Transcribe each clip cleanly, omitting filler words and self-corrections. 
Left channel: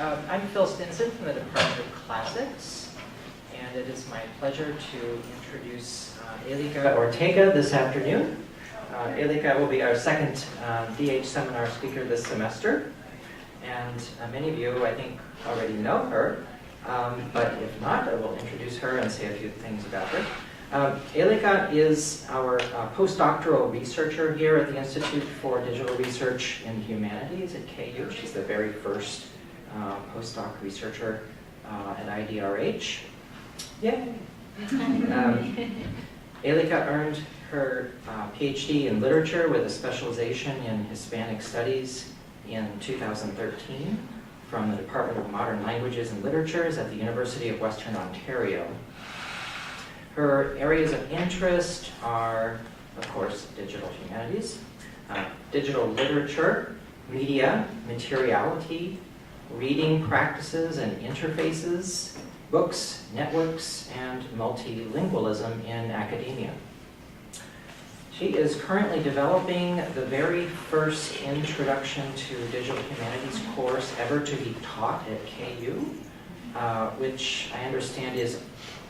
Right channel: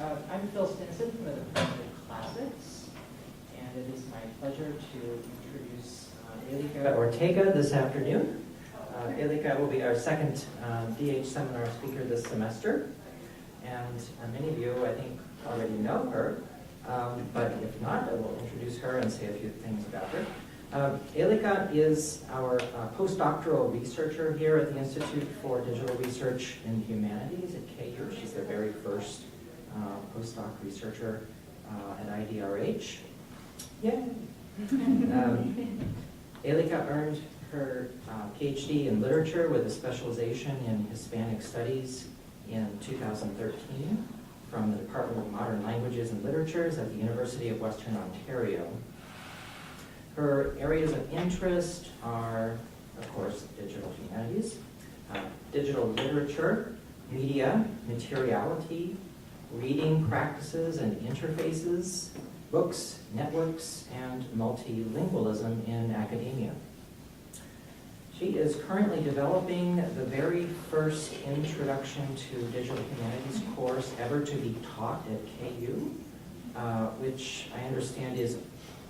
I'm Phil Stinson from the Department of Classics, and it is my pleasure to introduce Élika Ortega this afternoon. Élika will be our second DH seminar speaker this semester, and many of you, I think, already know her, but if not, I will introduce her and say a few things about her. Élika is our postdoctoral researcher here at the Institute for Digital Research in Humanities at KU. She's the very first postdoc researcher at IDRH. Yay! Élika earned her PhD in literature with a specialization in Hispanic Studies in 2013 from the Department of Modern Languages and Literatures at the University of Western Ontario. Her areas of interest are, of course, digital humanities, digital literature, media, materiality, reading practices and interfaces, books, networks, and multilingualism in academia. She is currently developing the very first introduction to digital humanities course ever to be taught at KU, which I understand is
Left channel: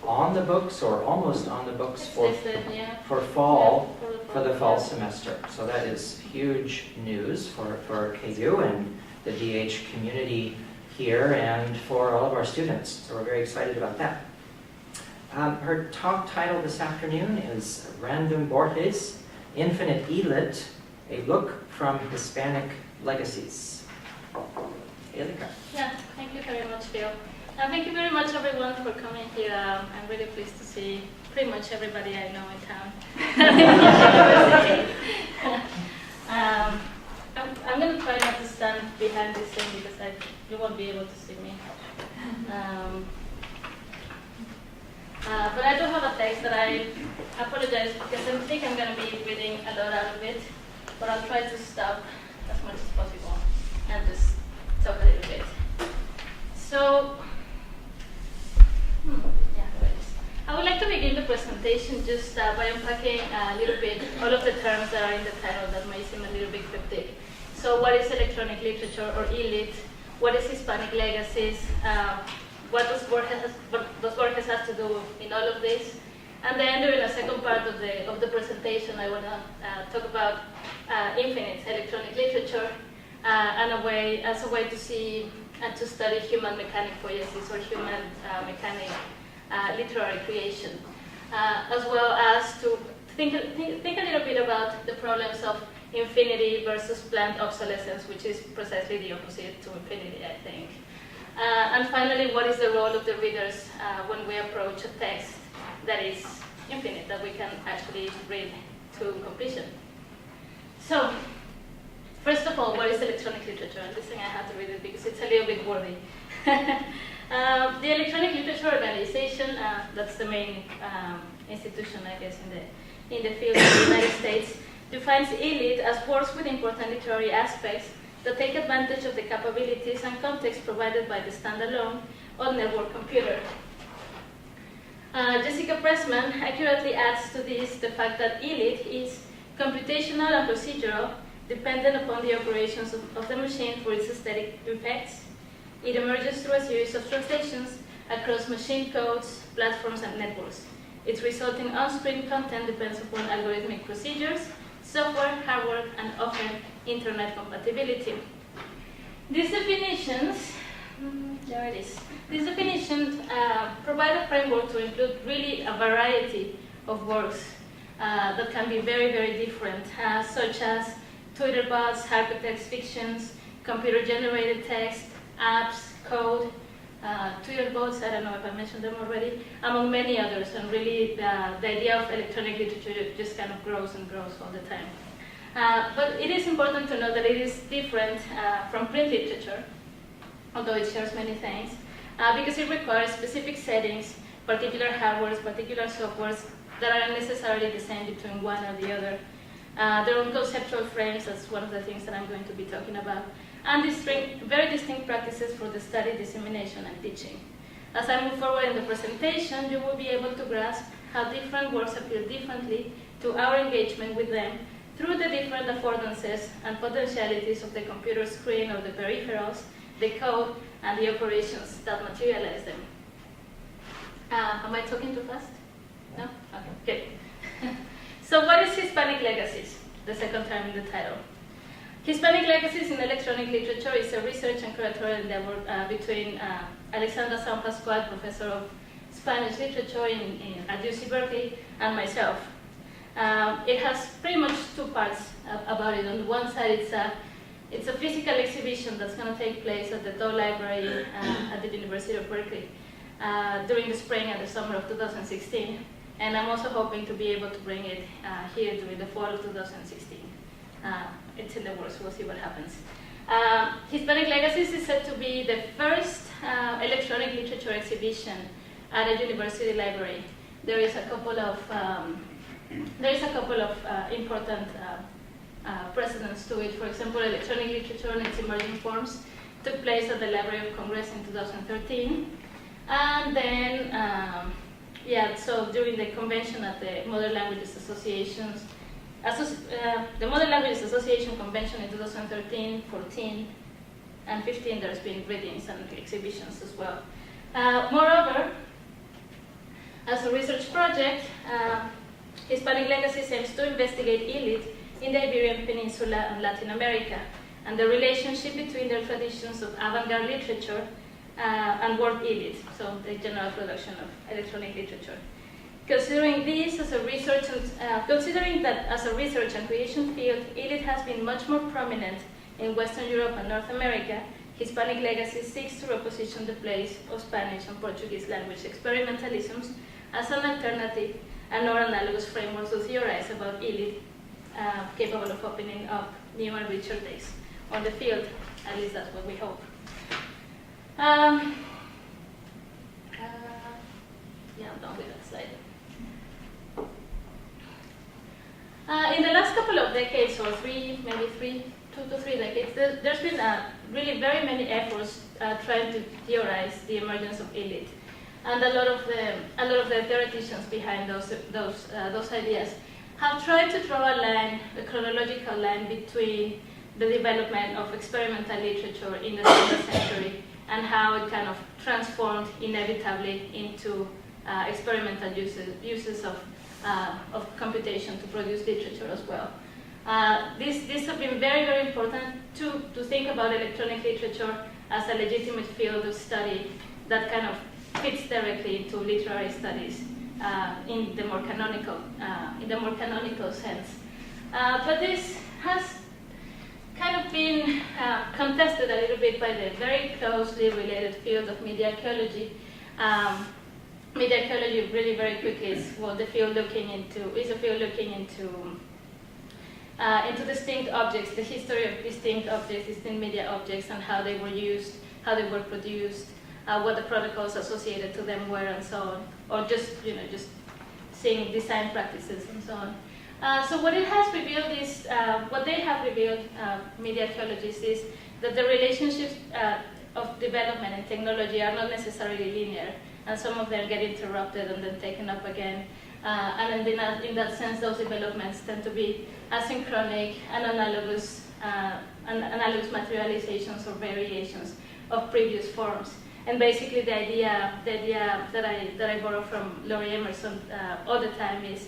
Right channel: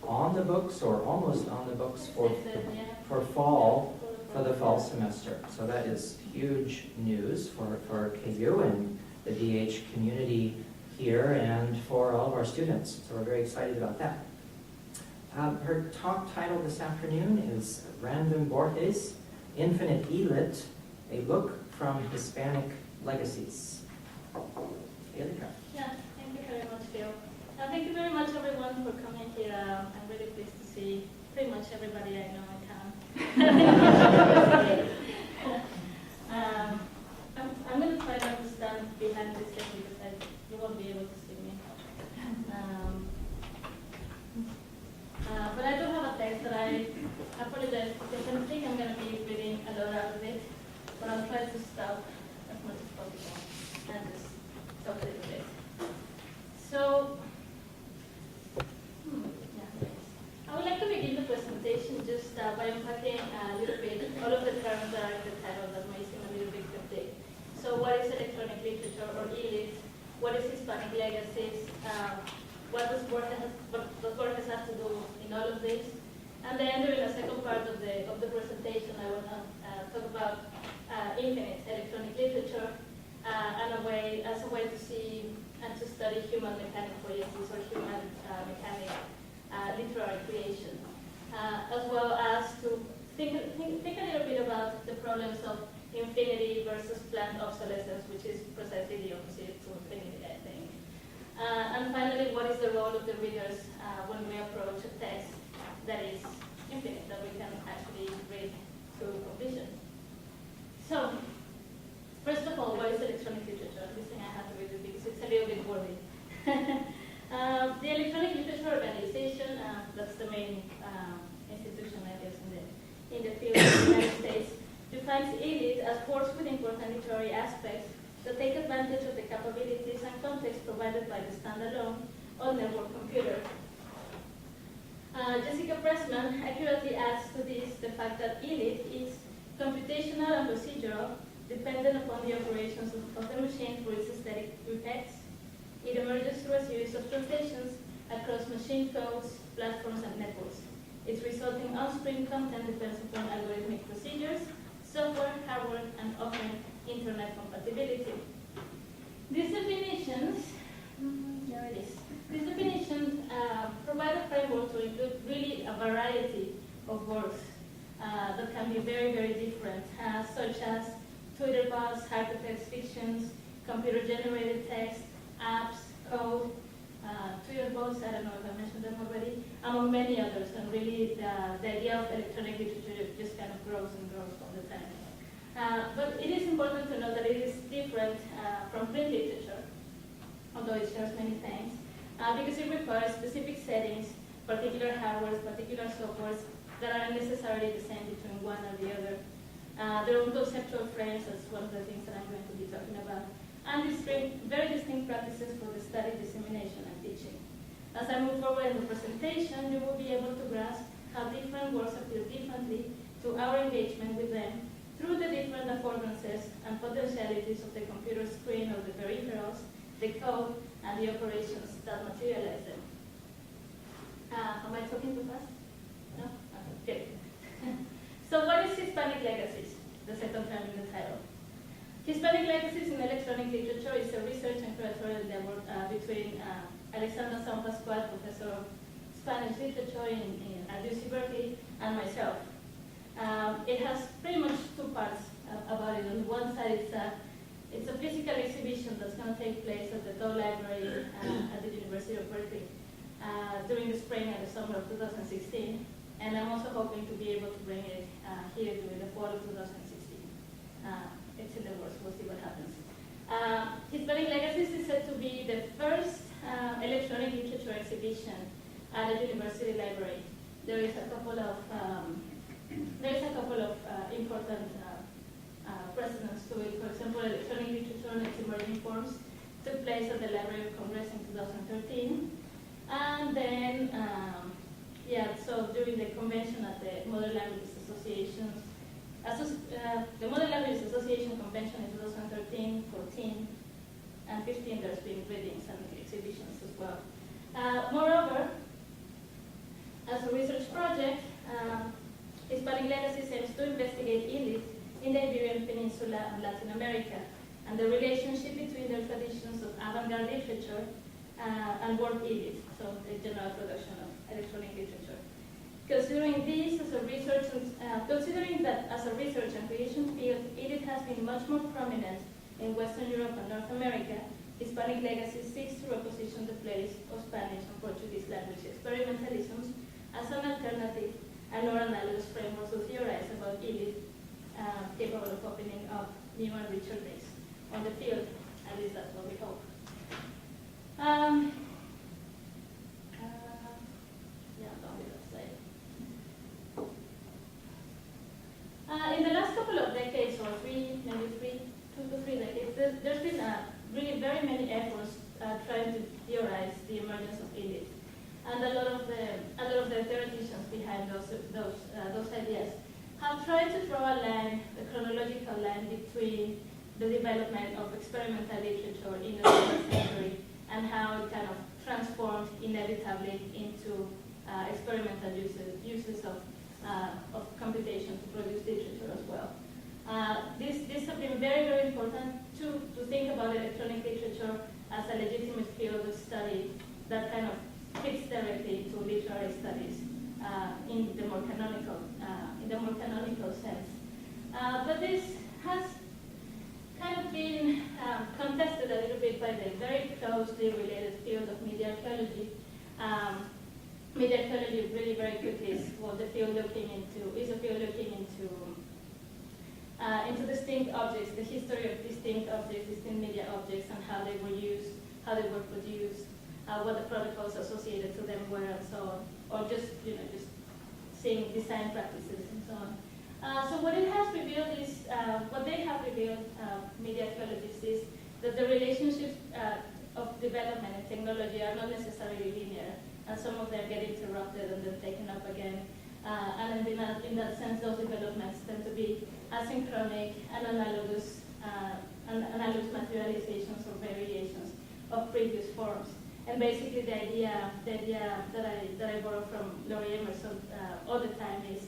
on the books or almost on the books for the fall semester. So that is huge news for KU and the DH community here and for all of our students. So we're very excited about that. Her talk title this afternoon is Random Borges, Infinite Elit, A Look from Hispanic Legacies. Élika. Yeah, thank you very much, Phil. Thank you very much, everyone, for coming here. I'm really pleased to see pretty much everybody I know in town. I'm going to try not to stand behind this thing because you won't be able to see me. But I do have a text that I apologize because I think I'm going to be reading a lot out of it, but I'll try to stop as much as possible and just talk a little bit. So, I would like to begin the presentation just by unpacking a little bit all of the terms that are in the title that may seem a little bit cryptic. So what is electronic literature or ELIT? What is Hispanic Legacies? What does Borges has to do in all of this? And then during the second part of the presentation, I want to talk about infinite electronic literature and as a way to see and to study human mechanic poiesis or human mechanic literary creation, as well as to think a little bit about the problems of infinity versus planned obsolescence, which is precisely the opposite to infinity, I think. And finally, what is the role of the readers when we approach a text that is infinite, that we can actually read to completion? So, first of all, what is electronic literature? And this thing I have to read it because it's a little bit wordy. The Electronic Literature Organization, that's the main institution, I guess, in the field of the United States, defines ELIT as works with important literary aspects that take advantage of the capabilities and context provided by the standalone or network computer. Jessica Pressman accurately adds to this the fact that ELIT is computational and procedural, dependent upon the operations of the machine for its aesthetic effects. It emerges through a series of translations across machine codes, platforms, and networks. Its resulting on-screen content depends upon algorithmic procedures, software, hardware, and often internet compatibility. These definitions, there it is. These definitions provide a framework to include really a variety of works that can be very, very different, such as Twitter bots, hypertext fictions, computer-generated text, apps, code, Twitter bots, I don't know if I mentioned them already, among many others, and really the idea of electronic literature just kind of grows and grows all the time. But it is important to know that it is different from print literature, although it shares many things, because it requires specific settings, particular hardwares, particular softwares that aren't necessarily the same between one or the other. Their own conceptual frames, that's one of the things that I'm going to be talking about, and very distinct practices for the study, dissemination, and teaching. As I move forward in the presentation, you will be able to grasp how different works appeal differently to our engagement with them through the different affordances and potentialities of the computer screen or the peripherals, the code, and the operations that materialize them. Am I talking too fast? No? Okay, good. So what is Hispanic Legacies? The second term in the title. Hispanic Legacies in Electronic Literature is a research and curatorial endeavor between Alexandra San Pascual, professor of Spanish literature at UC Berkeley, and myself. It has pretty much two parts about it. On the one side, it's a physical exhibition that's going to take place at the Doe Library at the University of Berkeley during the spring and the summer of 2016. And I'm also hoping to be able to bring it here during the fall of 2016. It's in the works, we'll see what happens. Hispanic Legacies is said to be the first electronic literature exhibition at a university library. There is a couple of important precedents to it. For example, electronic literature and its emerging forms took place at the Library of Congress in 2013. And then, so during the convention at the Modern Languages Association's, the Modern Languages Association convention in 2013, 14, and 15, there's been readings and exhibitions as well. Moreover, as a research project, Hispanic Legacies aims to investigate elite in the Iberian Peninsula and Latin America, and the relationship between their traditions of avant-garde literature and world elite, so the general production of electronic literature. Considering that as a research and creation field, elite has been much more prominent in Western Europe and North America, Hispanic Legacy seeks to reposition the place of Spanish and Portuguese language experimentalisms as an alternative and or analogous framework to theorize about elite capable of opening up new and richer days on the field. At least that's what we hope. I'm done with that slide. In the last couple of decades, or two to three decades, there's been really very many efforts trying to theorize the emergence of elite, and a lot of the theoreticians behind those ideas have tried to draw a chronological line between the development of experimental literature in the 20th century and how it kind of transformed inevitably into experimental uses of computation to produce literature as well. These have been very, very important to think about electronic literature as a legitimate field of study that kind of fits directly into literary studies in the more canonical sense. But this has kind of been contested a little bit by the very closely related field of media archaeology. Media archaeology really very quickly is a field looking into distinct objects, the history of distinct objects, distinct media objects, and how they were used, how they were produced, what the protocols associated to them were, and so on, or just seeing design practices and so on. So what it has revealed is, what they have revealed, media archaeologists, is that the relationships of development and technology are not necessarily linear, and some of them get interrupted and then taken up again. And in that sense, those developments tend to be asynchronic and analogous materializations or variations of previous forms. And basically, the idea that I borrow from Laurie Emerson all the time is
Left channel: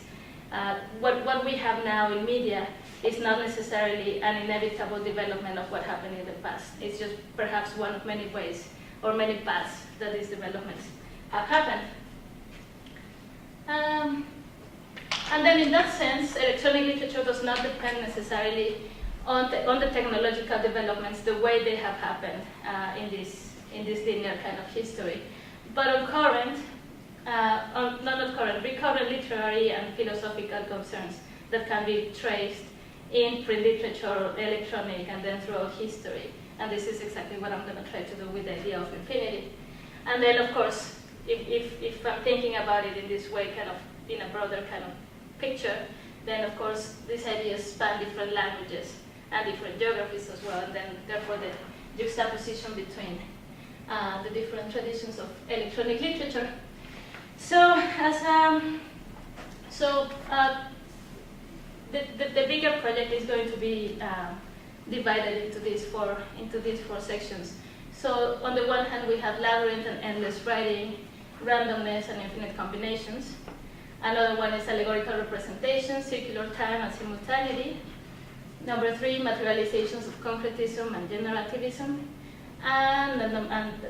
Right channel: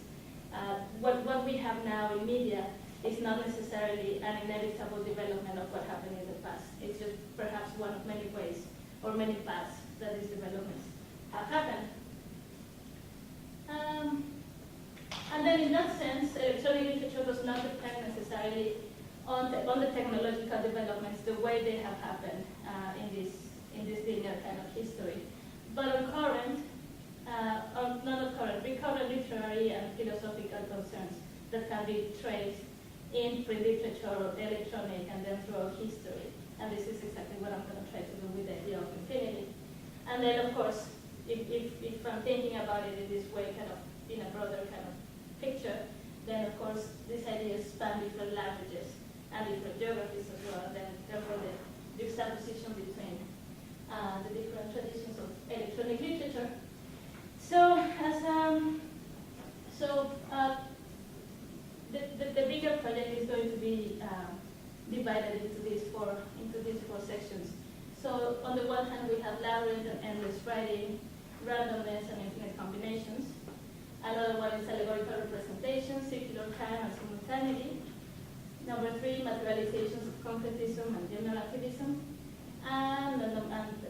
what we have now in media is not necessarily an inevitable development of what happened in the past. It's just perhaps one of many ways or many paths that these developments have happened. And then in that sense, electronic literature does not depend necessarily on the technological developments the way they have happened in this linear kind of history, but on recurrent literary and philosophical concerns that can be traced in print literature, electronic, and then throughout history. And this is exactly what I'm going to try to do with the idea of infinity. And then, of course, if I'm thinking about it in this way, kind of in a broader kind of picture, then of course these ideas span different languages and different geographies as well, and then therefore the juxtaposition between the different traditions of electronic literature. So the bigger project is going to be divided into these four sections. So on the one hand, we have labyrinth and endless writing, randomness and infinite combinations. Another one is allegorical representation, circular time and simultaneity. Number 3, materializations of concretism and generativism. And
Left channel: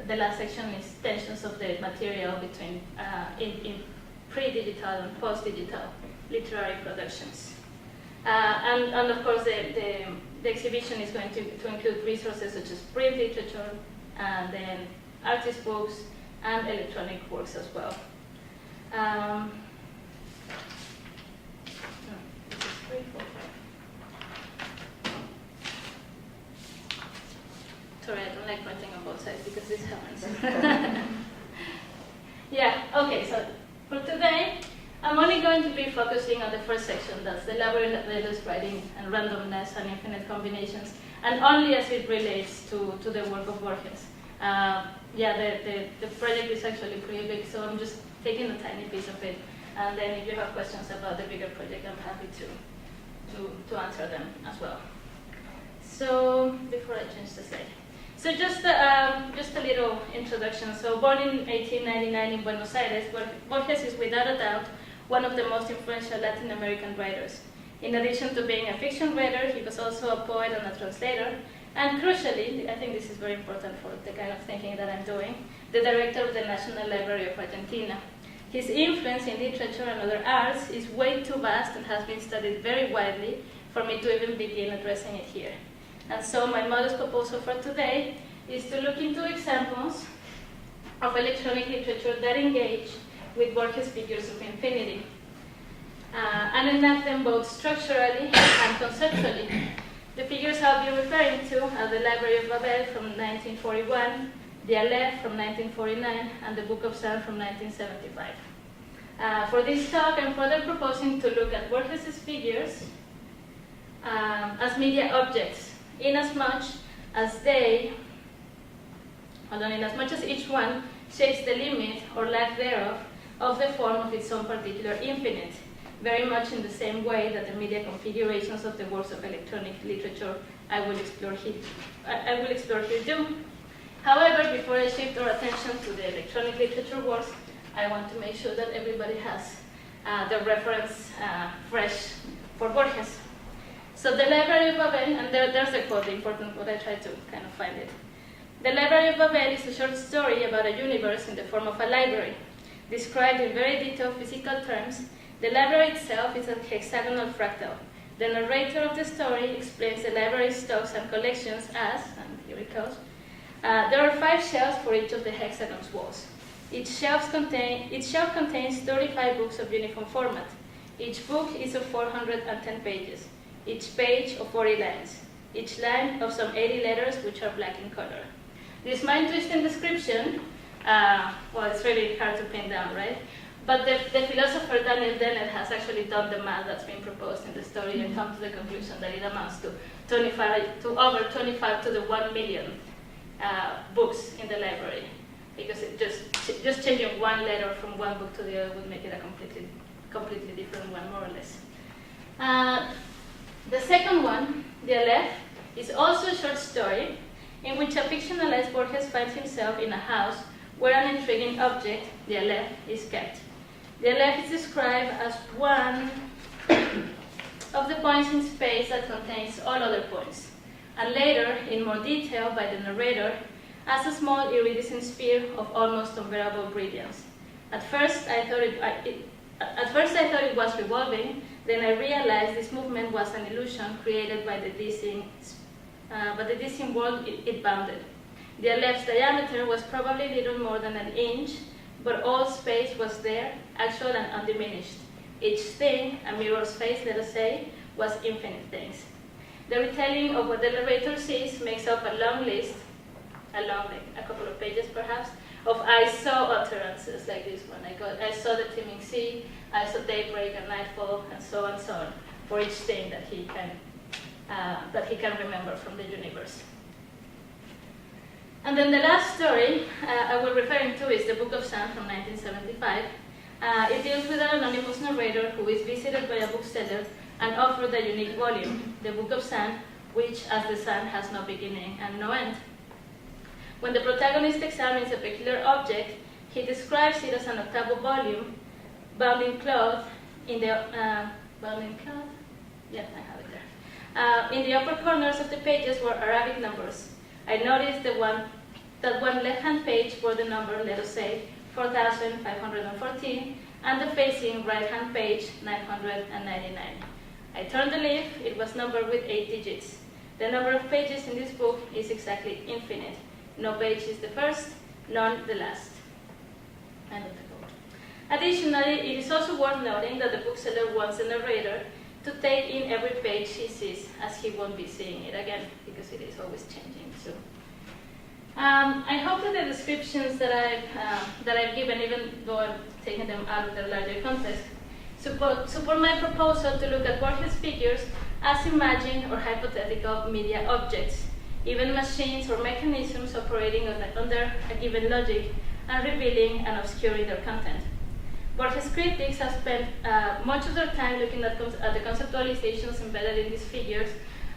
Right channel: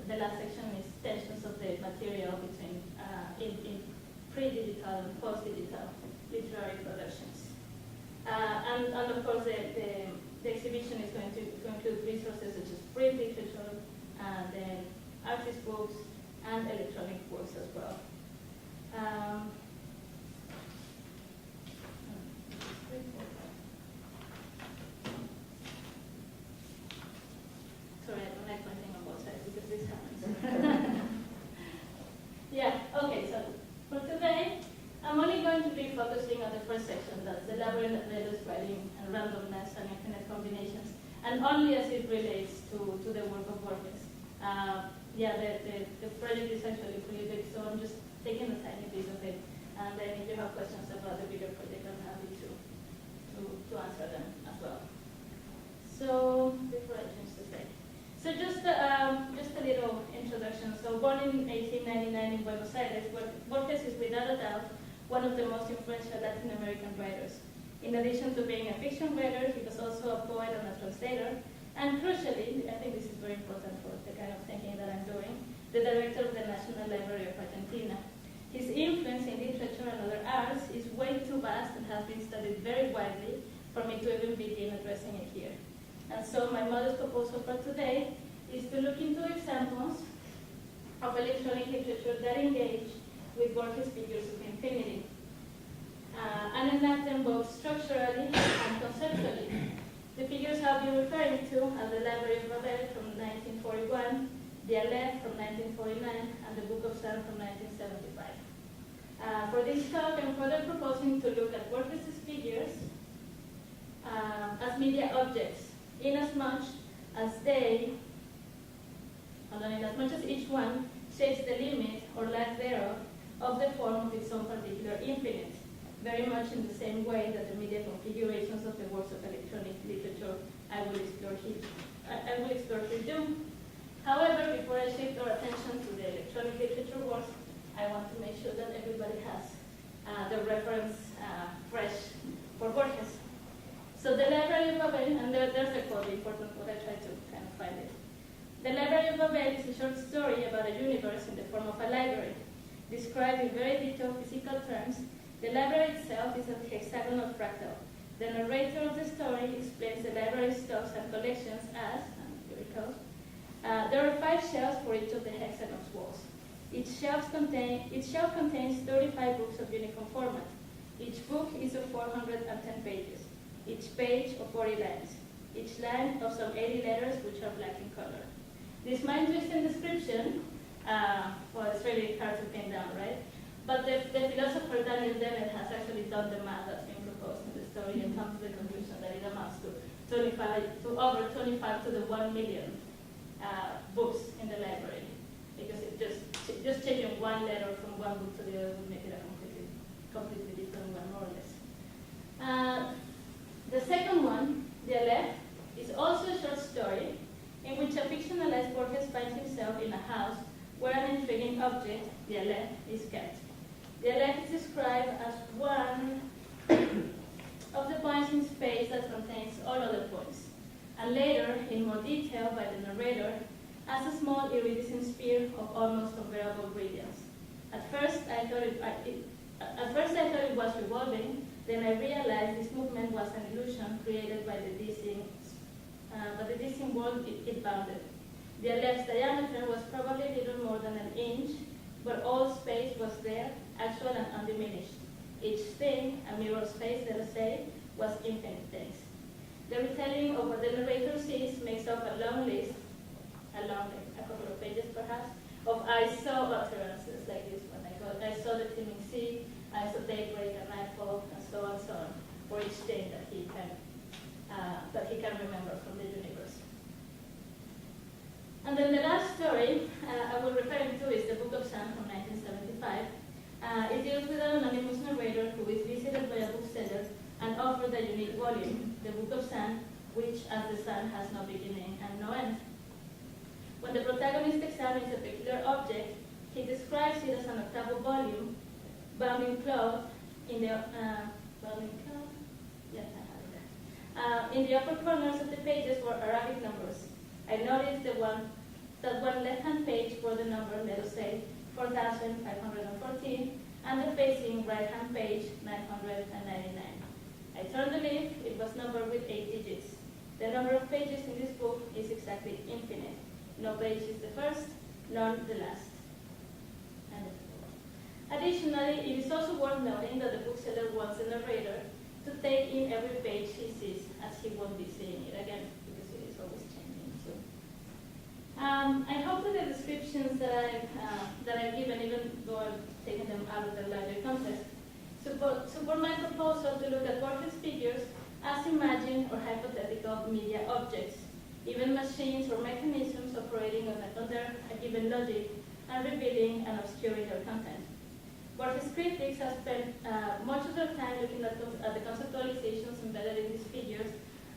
the last section is tensions of the material between in pre-digital and post-digital literary productions. And of course, the exhibition is going to include resources such as print literature, and then artist books, and electronic works as well. Sorry, I don't like pointing on both sides because this happens. Yeah, okay, so for today, I'm only going to be focusing on the first section, that's the labyrinth of endless writing and randomness and infinite combinations, and only as it relates to the work of Borges. Yeah, the project is actually pretty big, so I'm just taking a tiny piece of it, and then if you have questions about the bigger project, I'm happy to answer them as well. So, before I change the slide. So just a little introduction. So born in 1899 in Buenos Aires, Borges is without a doubt one of the most influential Latin American writers. In addition to being a fiction writer, he was also a poet and a translator, and crucially, I think this is very important for the kind of thinking that I'm doing, the director of the National Library of Argentina. His influence in literature and other arts is way too vast and has been studied very widely for me to even begin addressing it here. And so my modest proposal for today is to look into examples of electronic literature that engage with Borges' figures of infinity, and enact them both structurally and conceptually. The figures I'll be referring to are the Library of Babel from 1941, the Aleph from 1949, and the Book of Sound from 1975. For this talk, I'm further proposing to look at Borges' figures as media objects, inasmuch as each one shapes the limit or lack thereof of the form of its own particular infinite, very much in the same way that the media configurations of the works of electronic literature I will explore here do. However, before I shift our attention to the electronic literature works, I want to make sure that everybody has the reference fresh for Borges. So the Library of Babel, and there's a quote, the important quote, I tried to kind of find it. The Library of Babel is a short story about a universe in the form of a library. Described in very detailed physical terms, the library itself is a hexagonal fractal. The narrator of the story explains the library's stocks and collections as, and here it goes, there are 5 shelves for each of the hexagon's walls. Each shelf contains 35 books of uniform format. Each book is of 410 pages. Each page of 40 lines. Each line of some 80 letters which are black in color. This mind-twisting description, well, it's really hard to pin down, right? But the philosopher Daniel Dennett has actually done the math that's been proposed in the story and come to the conclusion that it amounts to over 25 to the 1 million books in the library, because it just changing one letter from one book to the other would make it a completely different one, more or less. The second one, the Aleph, is also a short story in which a fictionalized Borges finds himself in a house where an intriguing object, the Aleph, is kept. The Aleph is described as one of the points in space that contains all other points, and later, in more detail by the narrator, as a small iridescent sphere of almost unbearable brilliance. At first I thought it was revolving. Then I realized this movement was an illusion created by the dizzying world it bounded. The Aleph's diameter was probably little more than an inch, but all space was there, actual and undiminished. Each thing, a mirror space, let us say, was infinite things. The retelling of what the narrator sees makes up a long list, a couple of pages perhaps, of I saw utterances like this one. I saw the teeming sea, I saw daybreak and nightfall, and so on, for each thing that he can remember from the universe. And then the last story I will referring to is the Book of Sound from 1975. It deals with an anonymous narrator who is visited by a bookseller and offered a unique volume, the Book of Sound, which, as the sun, has no beginning and no end. When the protagonist examines a peculiar object, he describes it as an octavo volume, bound in cloth, in the Yeah, I have it there. In the upper corners of the pages were Arabic numbers. I noticed that one left-hand page bore the number, let us say, 4,514, and the facing right-hand page, 999. I turned the leaf, it was numbered with 8 digits. The number of pages in this book is exactly infinite. No page is the first, none the last. End of the quote. Additionally, it is also worth noting that the bookseller wants the narrator to take in every page he sees, as he won't be seeing it again, because it is always changing. So, I hope that the descriptions that I've given, even though I'm taking them out of their larger context, support my proposal to look at Borges' figures as imagined or hypothetical media objects, even machines or mechanisms operating under a given logic and revealing and obscuring their content. Borges' critics have spent much of their time looking at the conceptualizations embedded in these figures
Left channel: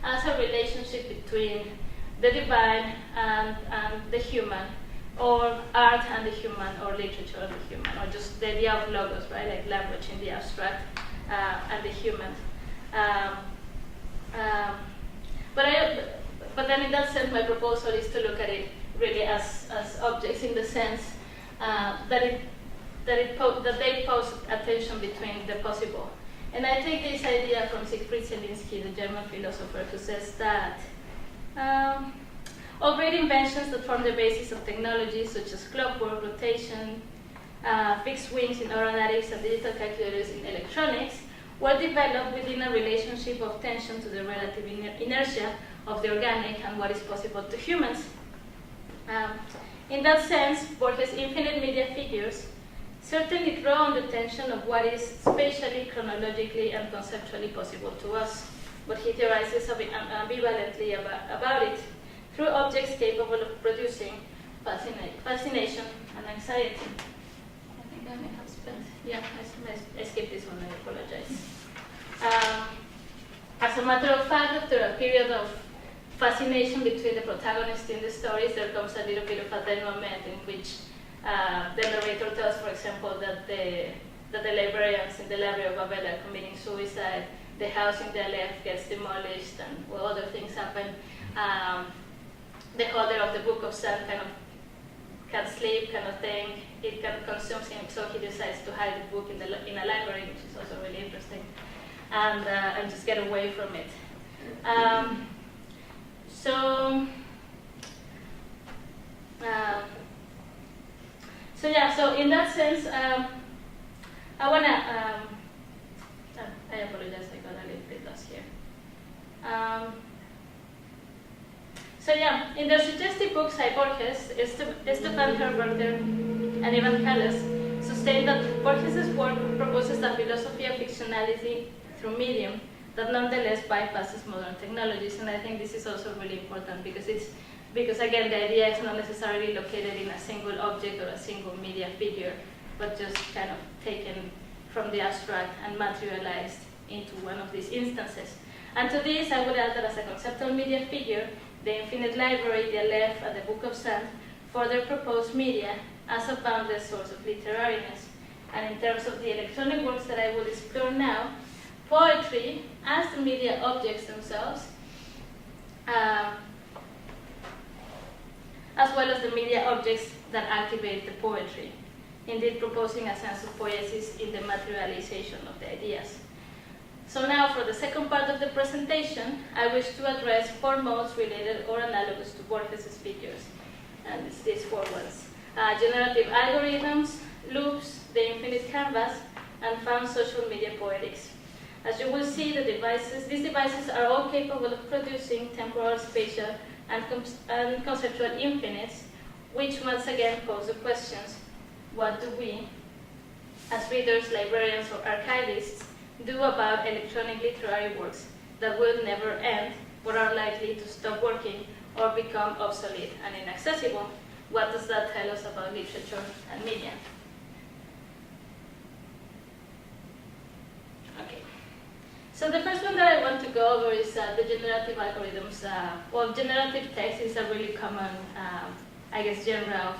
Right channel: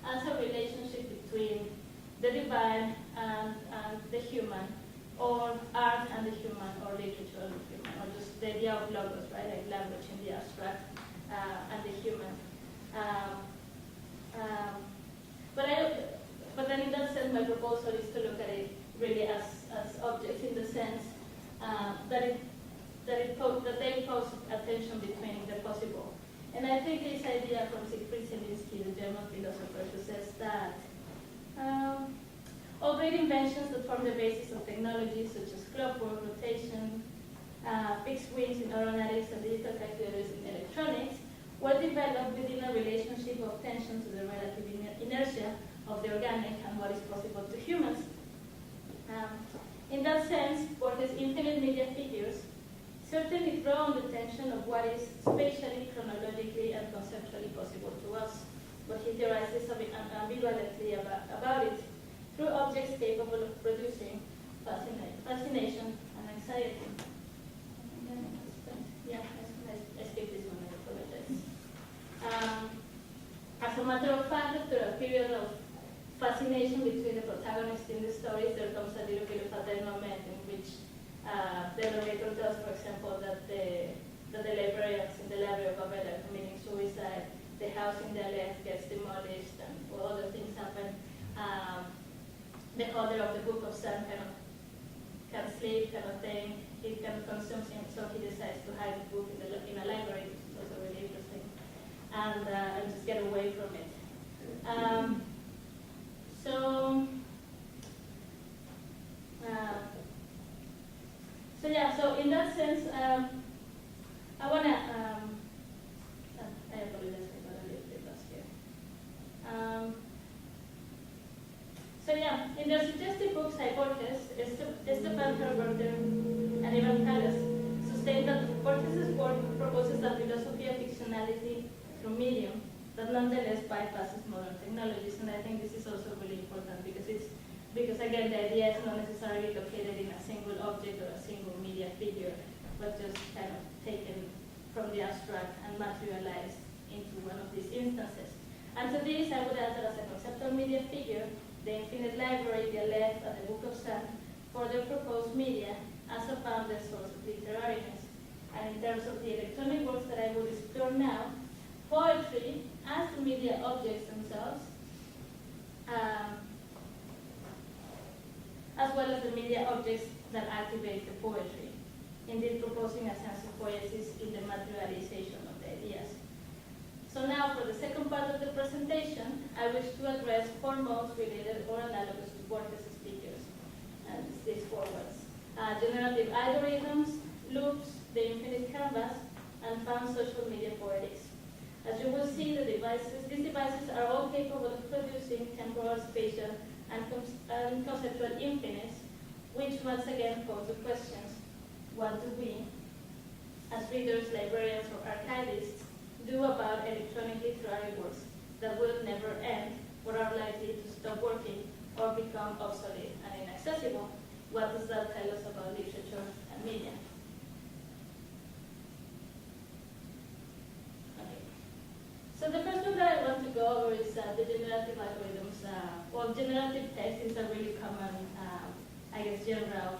as a relationship between the divine and the human, or art and the human, or literature and the human, or just the idea of logos, right, like language in the abstract and the human. But then in that sense, my proposal is to look at it really as objects in the sense that they pose a tension between the possible. And I take this idea from Siegfried Zielinski, the German philosopher, who says that all great inventions that form the basis of technology, such as clockwork, rotation, fixed wings in aeronautics, and digital calculators in electronics, were developed within a relationship of tension to the relative inertia of the organic and what is possible to humans. In that sense, Borges' infinite media figures certainly draw on the tension of what is spatially, chronologically, and conceptually possible to us, but he theorizes ambivalently about it through objects capable of producing fascination and anxiety. I think I may have spent, I skipped this one, I apologize. As a matter of fact, after a period of fascination between the protagonists in the stories, there comes a little bit of a denouement in which the narrator tells, for example, that the librarians in the Library of Babel are committing suicide, the house in the Aleph gets demolished, and other things happen. The holder of the Book of Sun kind of can't sleep, kind of thing. It kind of consumes him, so he decides to hide the book in a library, which is also really interesting, and just get away from it. So in that sense, I wanna. I apologize, I got a little bit lost here. In their suggestive books, Borges, Stefan Herberter, and Ivan Callas sustain that Borges' work proposes a philosophy of fictionality through medium that nonetheless bypasses modern technologies, and I think this is also really important because again the idea is not necessarily located in a single object or a single media figure, but just kind of taken from the abstract and materialized into one of these instances. And to this, I would add that as a conceptual media figure, the infinite library, the Aleph, and the Book of Sand further propose media as a boundless source of literariness. And in terms of the electronic works that I will explore now, poetry as the media objects themselves, as well as the media objects that activate the poetry, indeed proposing a sense of poiesis in the materialization of the ideas. So now for the second part of the presentation, I wish to address 4 modes related or analogous to Borges' figures, and it's these 4 ones. Generative algorithms, loops, the infinite canvas, and found social media poetics. As you will see, these devices are all capable of producing temporal, spatial, and conceptual infinites, which once again pose the questions: what do we, as readers, librarians, or archivists, do about electronic literary works that will never end, but are likely to stop working or become obsolete and inaccessible? What does that tell us about literature and media? Okay. So the first one that I want to go over is the generative algorithms. Generative text is a really common I guess, genre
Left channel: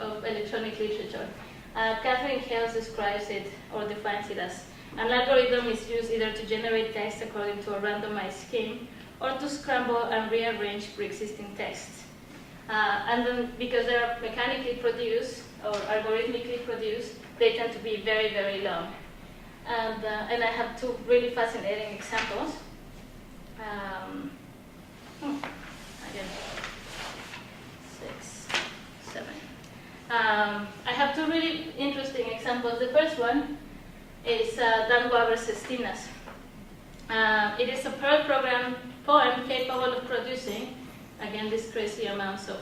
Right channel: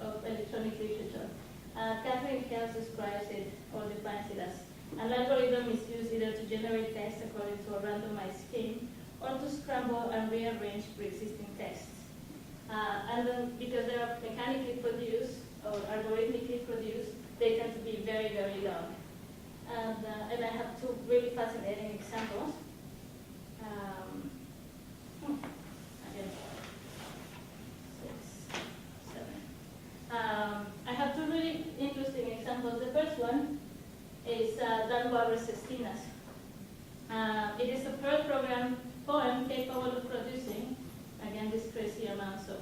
of electronic literature. Catherine Hales describes it or defines it as an algorithm is used either to generate text according to a randomized scheme or to scramble and rearrange pre-existing texts. And then because they are mechanically produced or algorithmically produced, they tend to be very, very long. And I have two really fascinating examples. Again, 6, 7. I have two really interesting examples. The first one is Dan Waber's Sestinas. It is a Perl program poem capable of producing, again, these crazy amounts of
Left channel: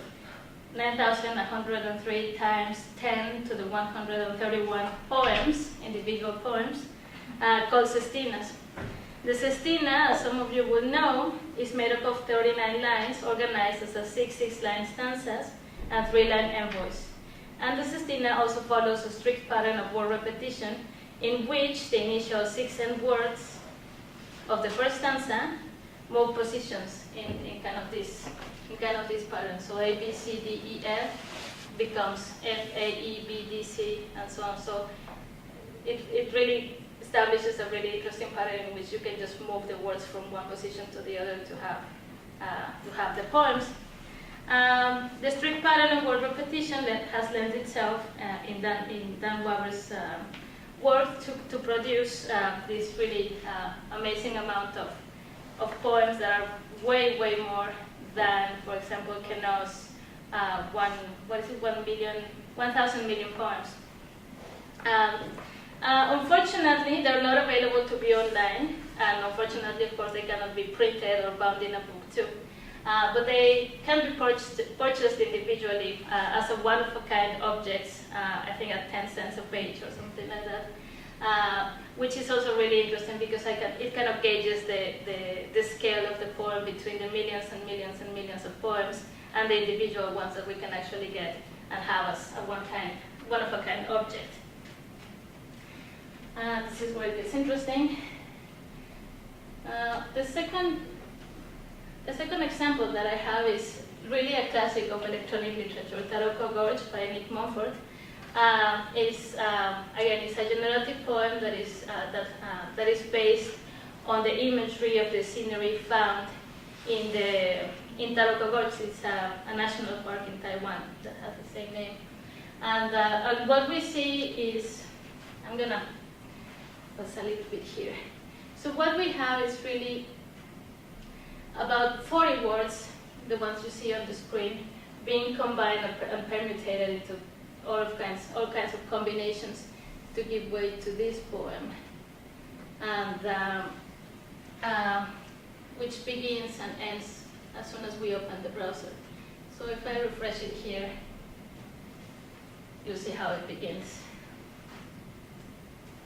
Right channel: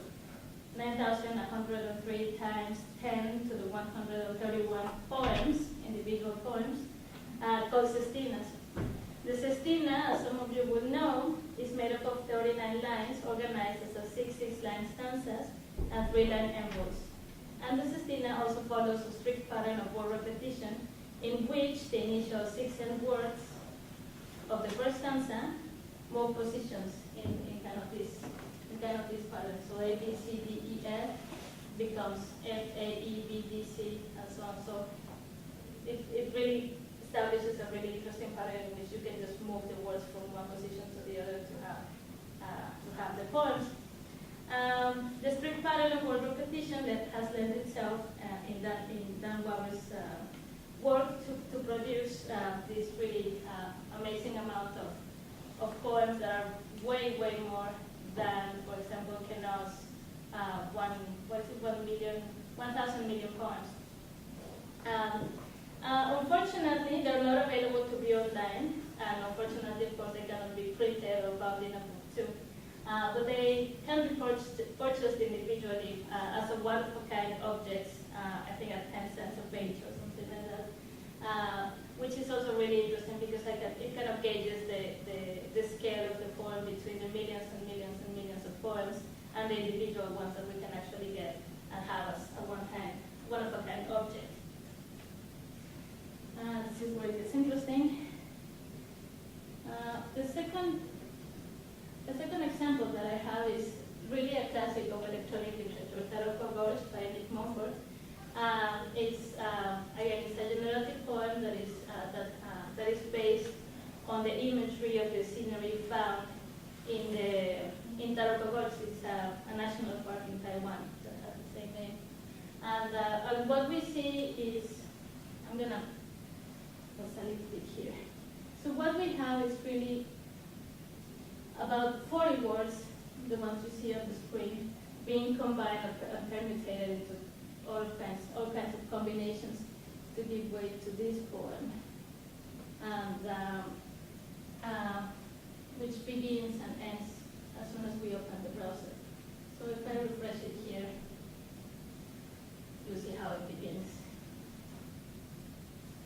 9,103 times 10 to the 131 poems, individual poems, called Sestinas. The Sestina, as some of you would know, is made up of 39 lines organized as a 6-line stanzas and 3-line envoys. And the Sestina also follows a strict pattern of word repetition in which the initial 6 end words of the first stanza move positions in kind of this pattern. So A, B, C, D, E, F becomes F, A, E, B, D, C, and so on. So it really establishes a really interesting pattern in which you can just move the words from one position to the other to have the poems. The strict pattern of word repetition has lent itself in Dan Waber's work to produce this really amazing amount of poems that are way, way more than, for example, Queneau's 1,000 million poems. Unfortunately, they're not available to be online, and unfortunately, of course, they cannot be printed or bound in a book too. But they can be purchased individually as a one-of-a-kind objects, I think at 10 cents a page or something like that, which is also really interesting because it kind of gauges the scale of the poem between the millions and millions and millions of poems and the individual ones that we can actually get and have as a one-of-a-kind object. This is where it gets interesting. The second example that I have is really a classic of electronic literature, Taroko Gorge by Nick Montfort. Again, it's a generative poem that is based on the imagery of the scenery found in Taroko Gorge. It's a national park in Taiwan that has the same name. And what we see is, I'm gonna pause a little bit here. So what we have is really about 40 words, the ones you see on the screen, being combined and permutated into all kinds of combinations to give way to this poem, and which begins and ends as soon as we open the browser. So if I refresh it here, you'll see how it begins.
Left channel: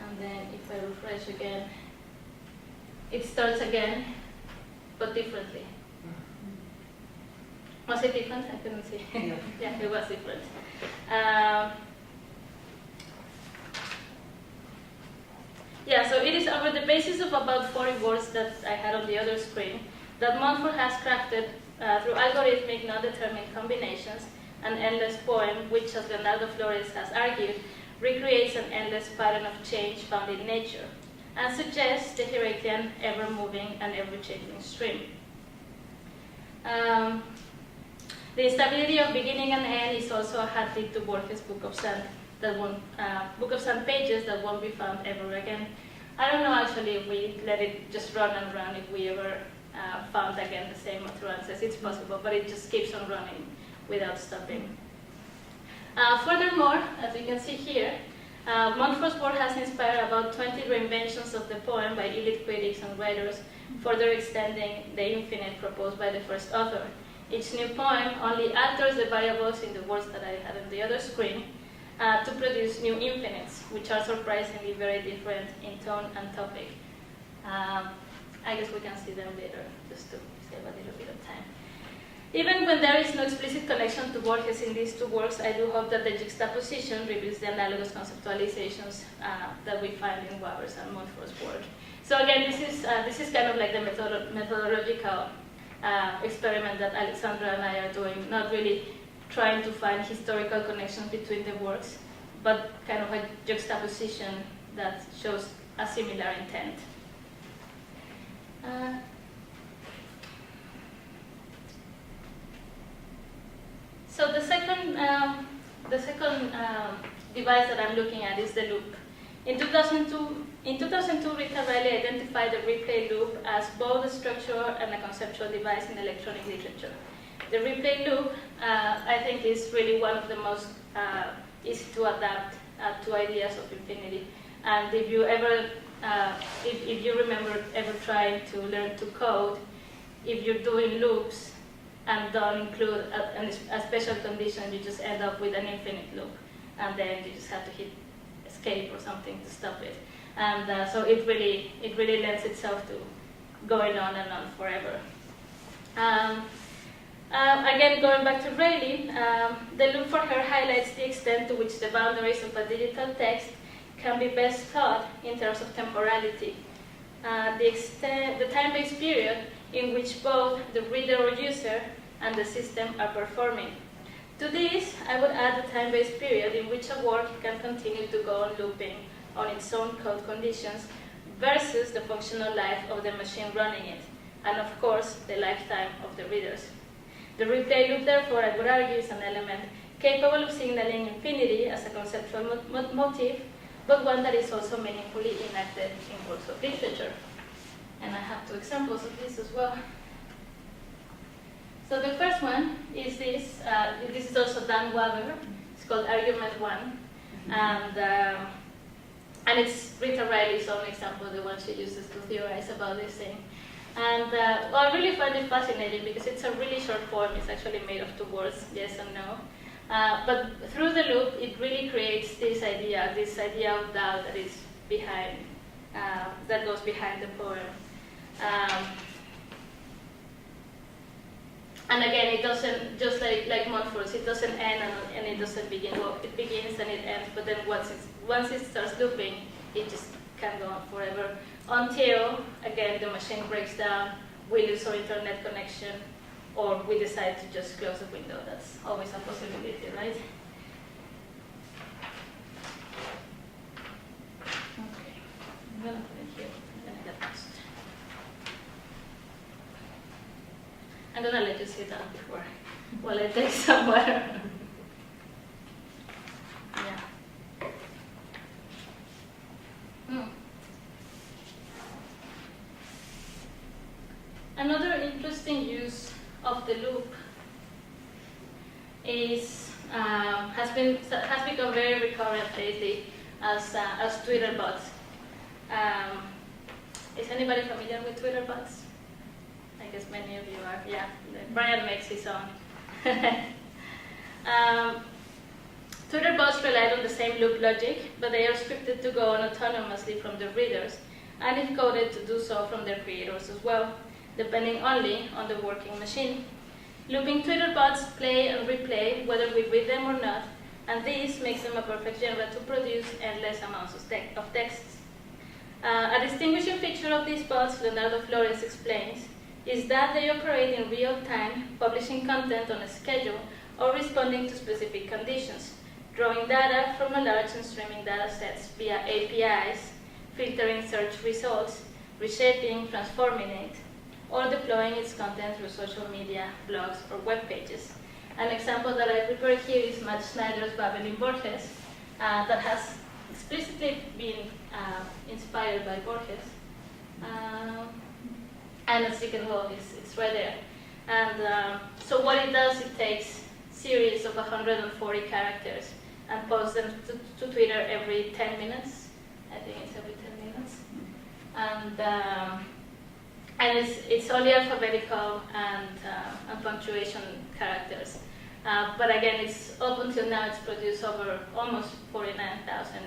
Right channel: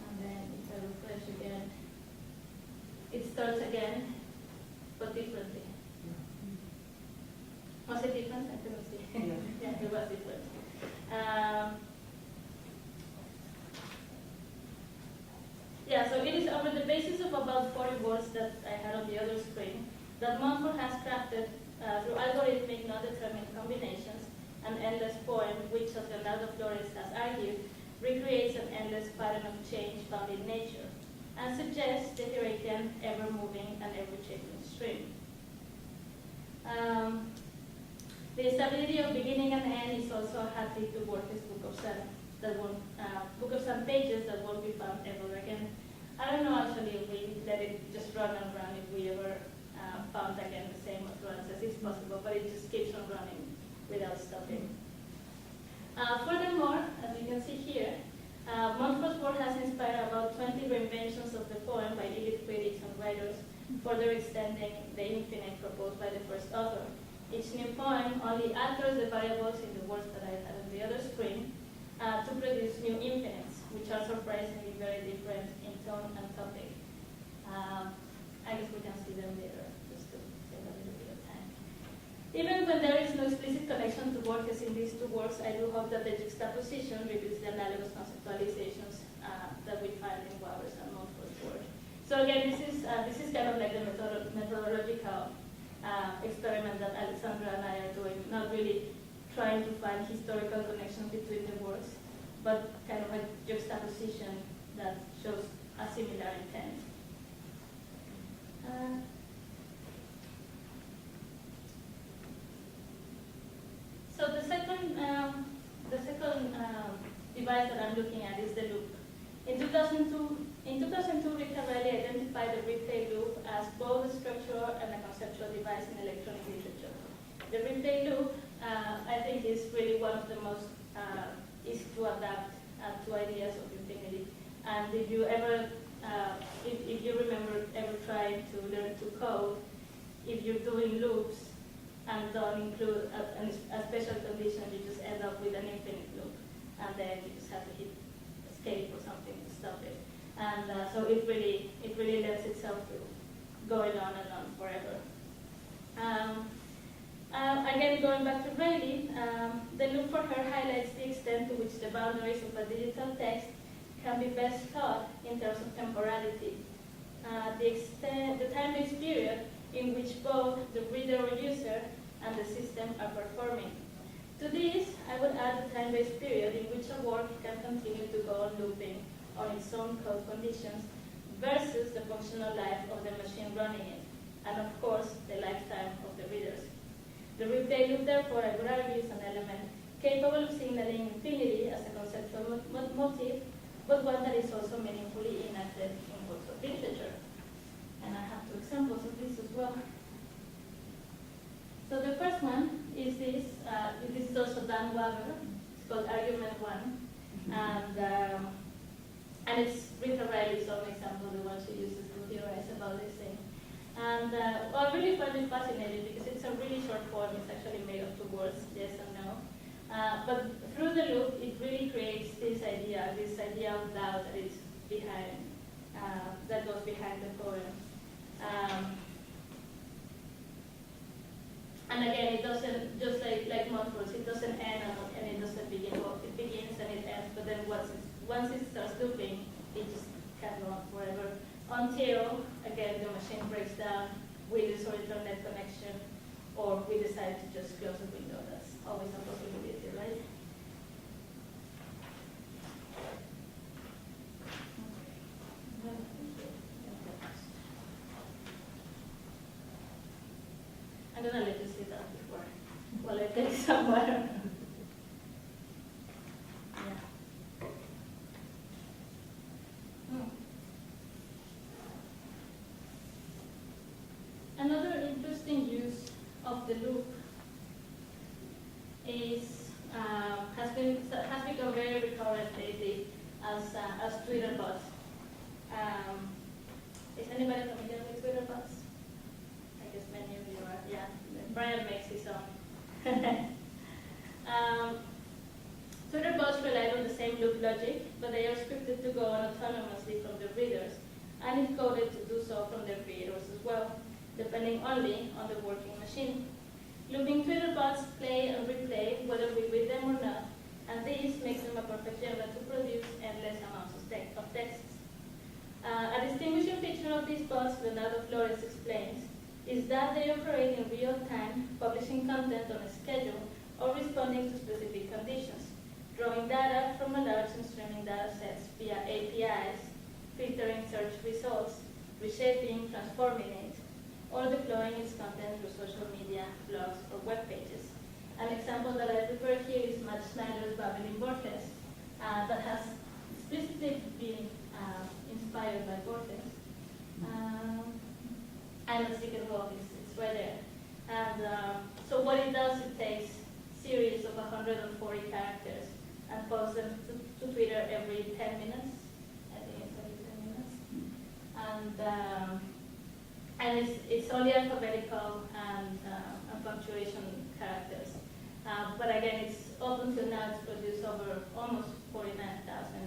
And then if I refresh again, it starts again, but differently. Was it different? I couldn't see. Yeah, it was different. Yeah, so it is over the basis of about 40 words that I had on the other screen that Montfort has crafted through algorithmic non-determined combinations an endless poem which, as Leonardo Flores has argued, recreates an endless pattern of change found in nature and suggests the Heraclean ever-moving and ever-changing stream. The instability of beginning and end is also a hat tip to Borges' Book of Sand pages that won't be found ever again. I don't know actually if we let it just run and run, if we ever found again the same utterances. It's possible, but it just keeps on running without stopping. Furthermore, as you can see here, Montfort's work has inspired about 20 reinventions of the poem by elite critics and writers, further extending the infinite proposed by the first author. Each new poem only alters the variables in the words that I had on the other screen to produce new infinites, which are surprisingly very different in tone and topic. I guess we can see them later, just to save a little bit of time. Even when there is no explicit connection to Borges in these two works, I do hope that the juxtaposition reveals the analogous conceptualizations that we find in Waber's and Montfort's work. So again, this is kind of like the methodological experiment that Alexandra and I are doing, not really trying to find historical connections between the works, but kind of a juxtaposition that shows a similar intent. So the second device that I'm looking at is the loop. In 2002, Rita Riley identified the replay loop as both a structural and a conceptual device in electronic literature. The replay loop, I think, is really one of the most easy to adapt to ideas of infinity. And if you ever, if you remember ever trying to learn to code, if you're doing loops and don't include a special condition, you just end up with an infinite loop, and then you just have to hit escape or something to stop it. And so it really lends itself to going on and on forever. Again, going back to Rayleigh, the loop for her highlights the extent to which the boundaries of a digital text can be best thought in terms of temporality. The time-based period in which both the reader or user and the system are performing. To this, I would add the time-based period in which a work can continue to go on looping on its own code conditions versus the functional life of the machine running it, and of course, the lifetime of the readers. The replay loop, therefore, I would argue, is an element capable of signaling infinity as a conceptual motif, but one that is also meaningfully enacted in works of literature. And I have two examples of this as well. So the first one is this. This is also Dan Waber. It's called Argument 1. And it's Rita Riley's own example, the one she uses to theorize about this thing. And well, I really find it fascinating because it's a really short form. It's actually made of 2 words, yes and no. But through the loop, it really creates this idea of doubt that is behind, that goes behind the poem. And again, it doesn't, just like Montfort's, it doesn't end and it doesn't begin. Well, it begins and it ends, but then once it starts looping, it just can go on forever. Until, again, the machine breaks down, we lose our internet connection, or we decide to just close the window. That's always a possibility, right? Okay, I'm gonna put it here, and then get lost. I'm gonna let you see that before, while I take some water. Another interesting use of the loop is has become very recurrent lately as Twitter bots. Is anybody familiar with Twitter bots? I guess many of you are. Yeah, Brian makes his own. Twitter bots rely on the same loop logic, but they are scripted to go on autonomously from the readers, and if coded to do so from their creators as well, depending only on the working machine. Looping Twitter bots play and replay whether we read them or not, and this makes them a perfect genre to produce endless amounts of texts. A distinguishing feature of these bots, Leonardo Flores explains, is that they operate in real time, publishing content on a schedule or responding to specific conditions, drawing data from a large and streaming data sets via APIs, filtering search results, reshaping, transforming it, or deploying its content through social media, blogs, or web pages. An example that I prepared here is Matt Schneider's Babel in Borges, that has explicitly been inspired by Borges. And as you can tell, it's right there. And so what it does, it takes series of 140 characters and posts them to Twitter every 10 minutes. I think it's every 10 minutes. And it's only alphabetical and punctuation characters. But again, it's up until now, it's produced over almost 49,000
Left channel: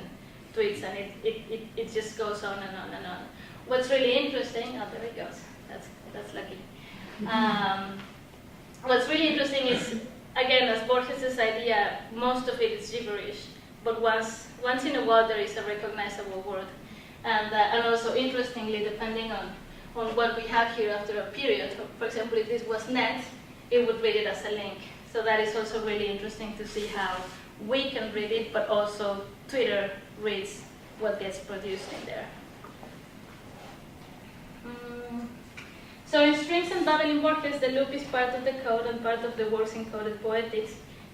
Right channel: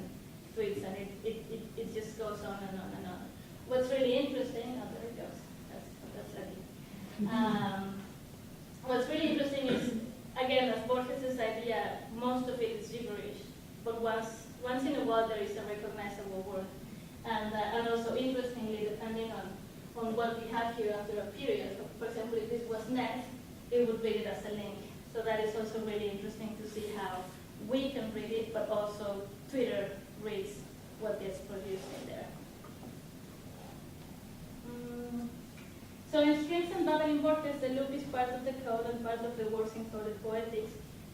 tweets, and it just goes on and on and on. What's really interesting, oh, there it goes. That's lucky. What's really interesting is, again, as Borges' idea, most of it is gibberish, but once in a while there is a recognizable word. And also, interestingly, depending on what we have here after a period, for example, if this was net, it would read it as a link. So that is also really interesting to see how we can read it, but also Twitter reads what gets produced in there. So in Strings and Babel in Borges, the loop is part of the code and part of the work's encoded poetics,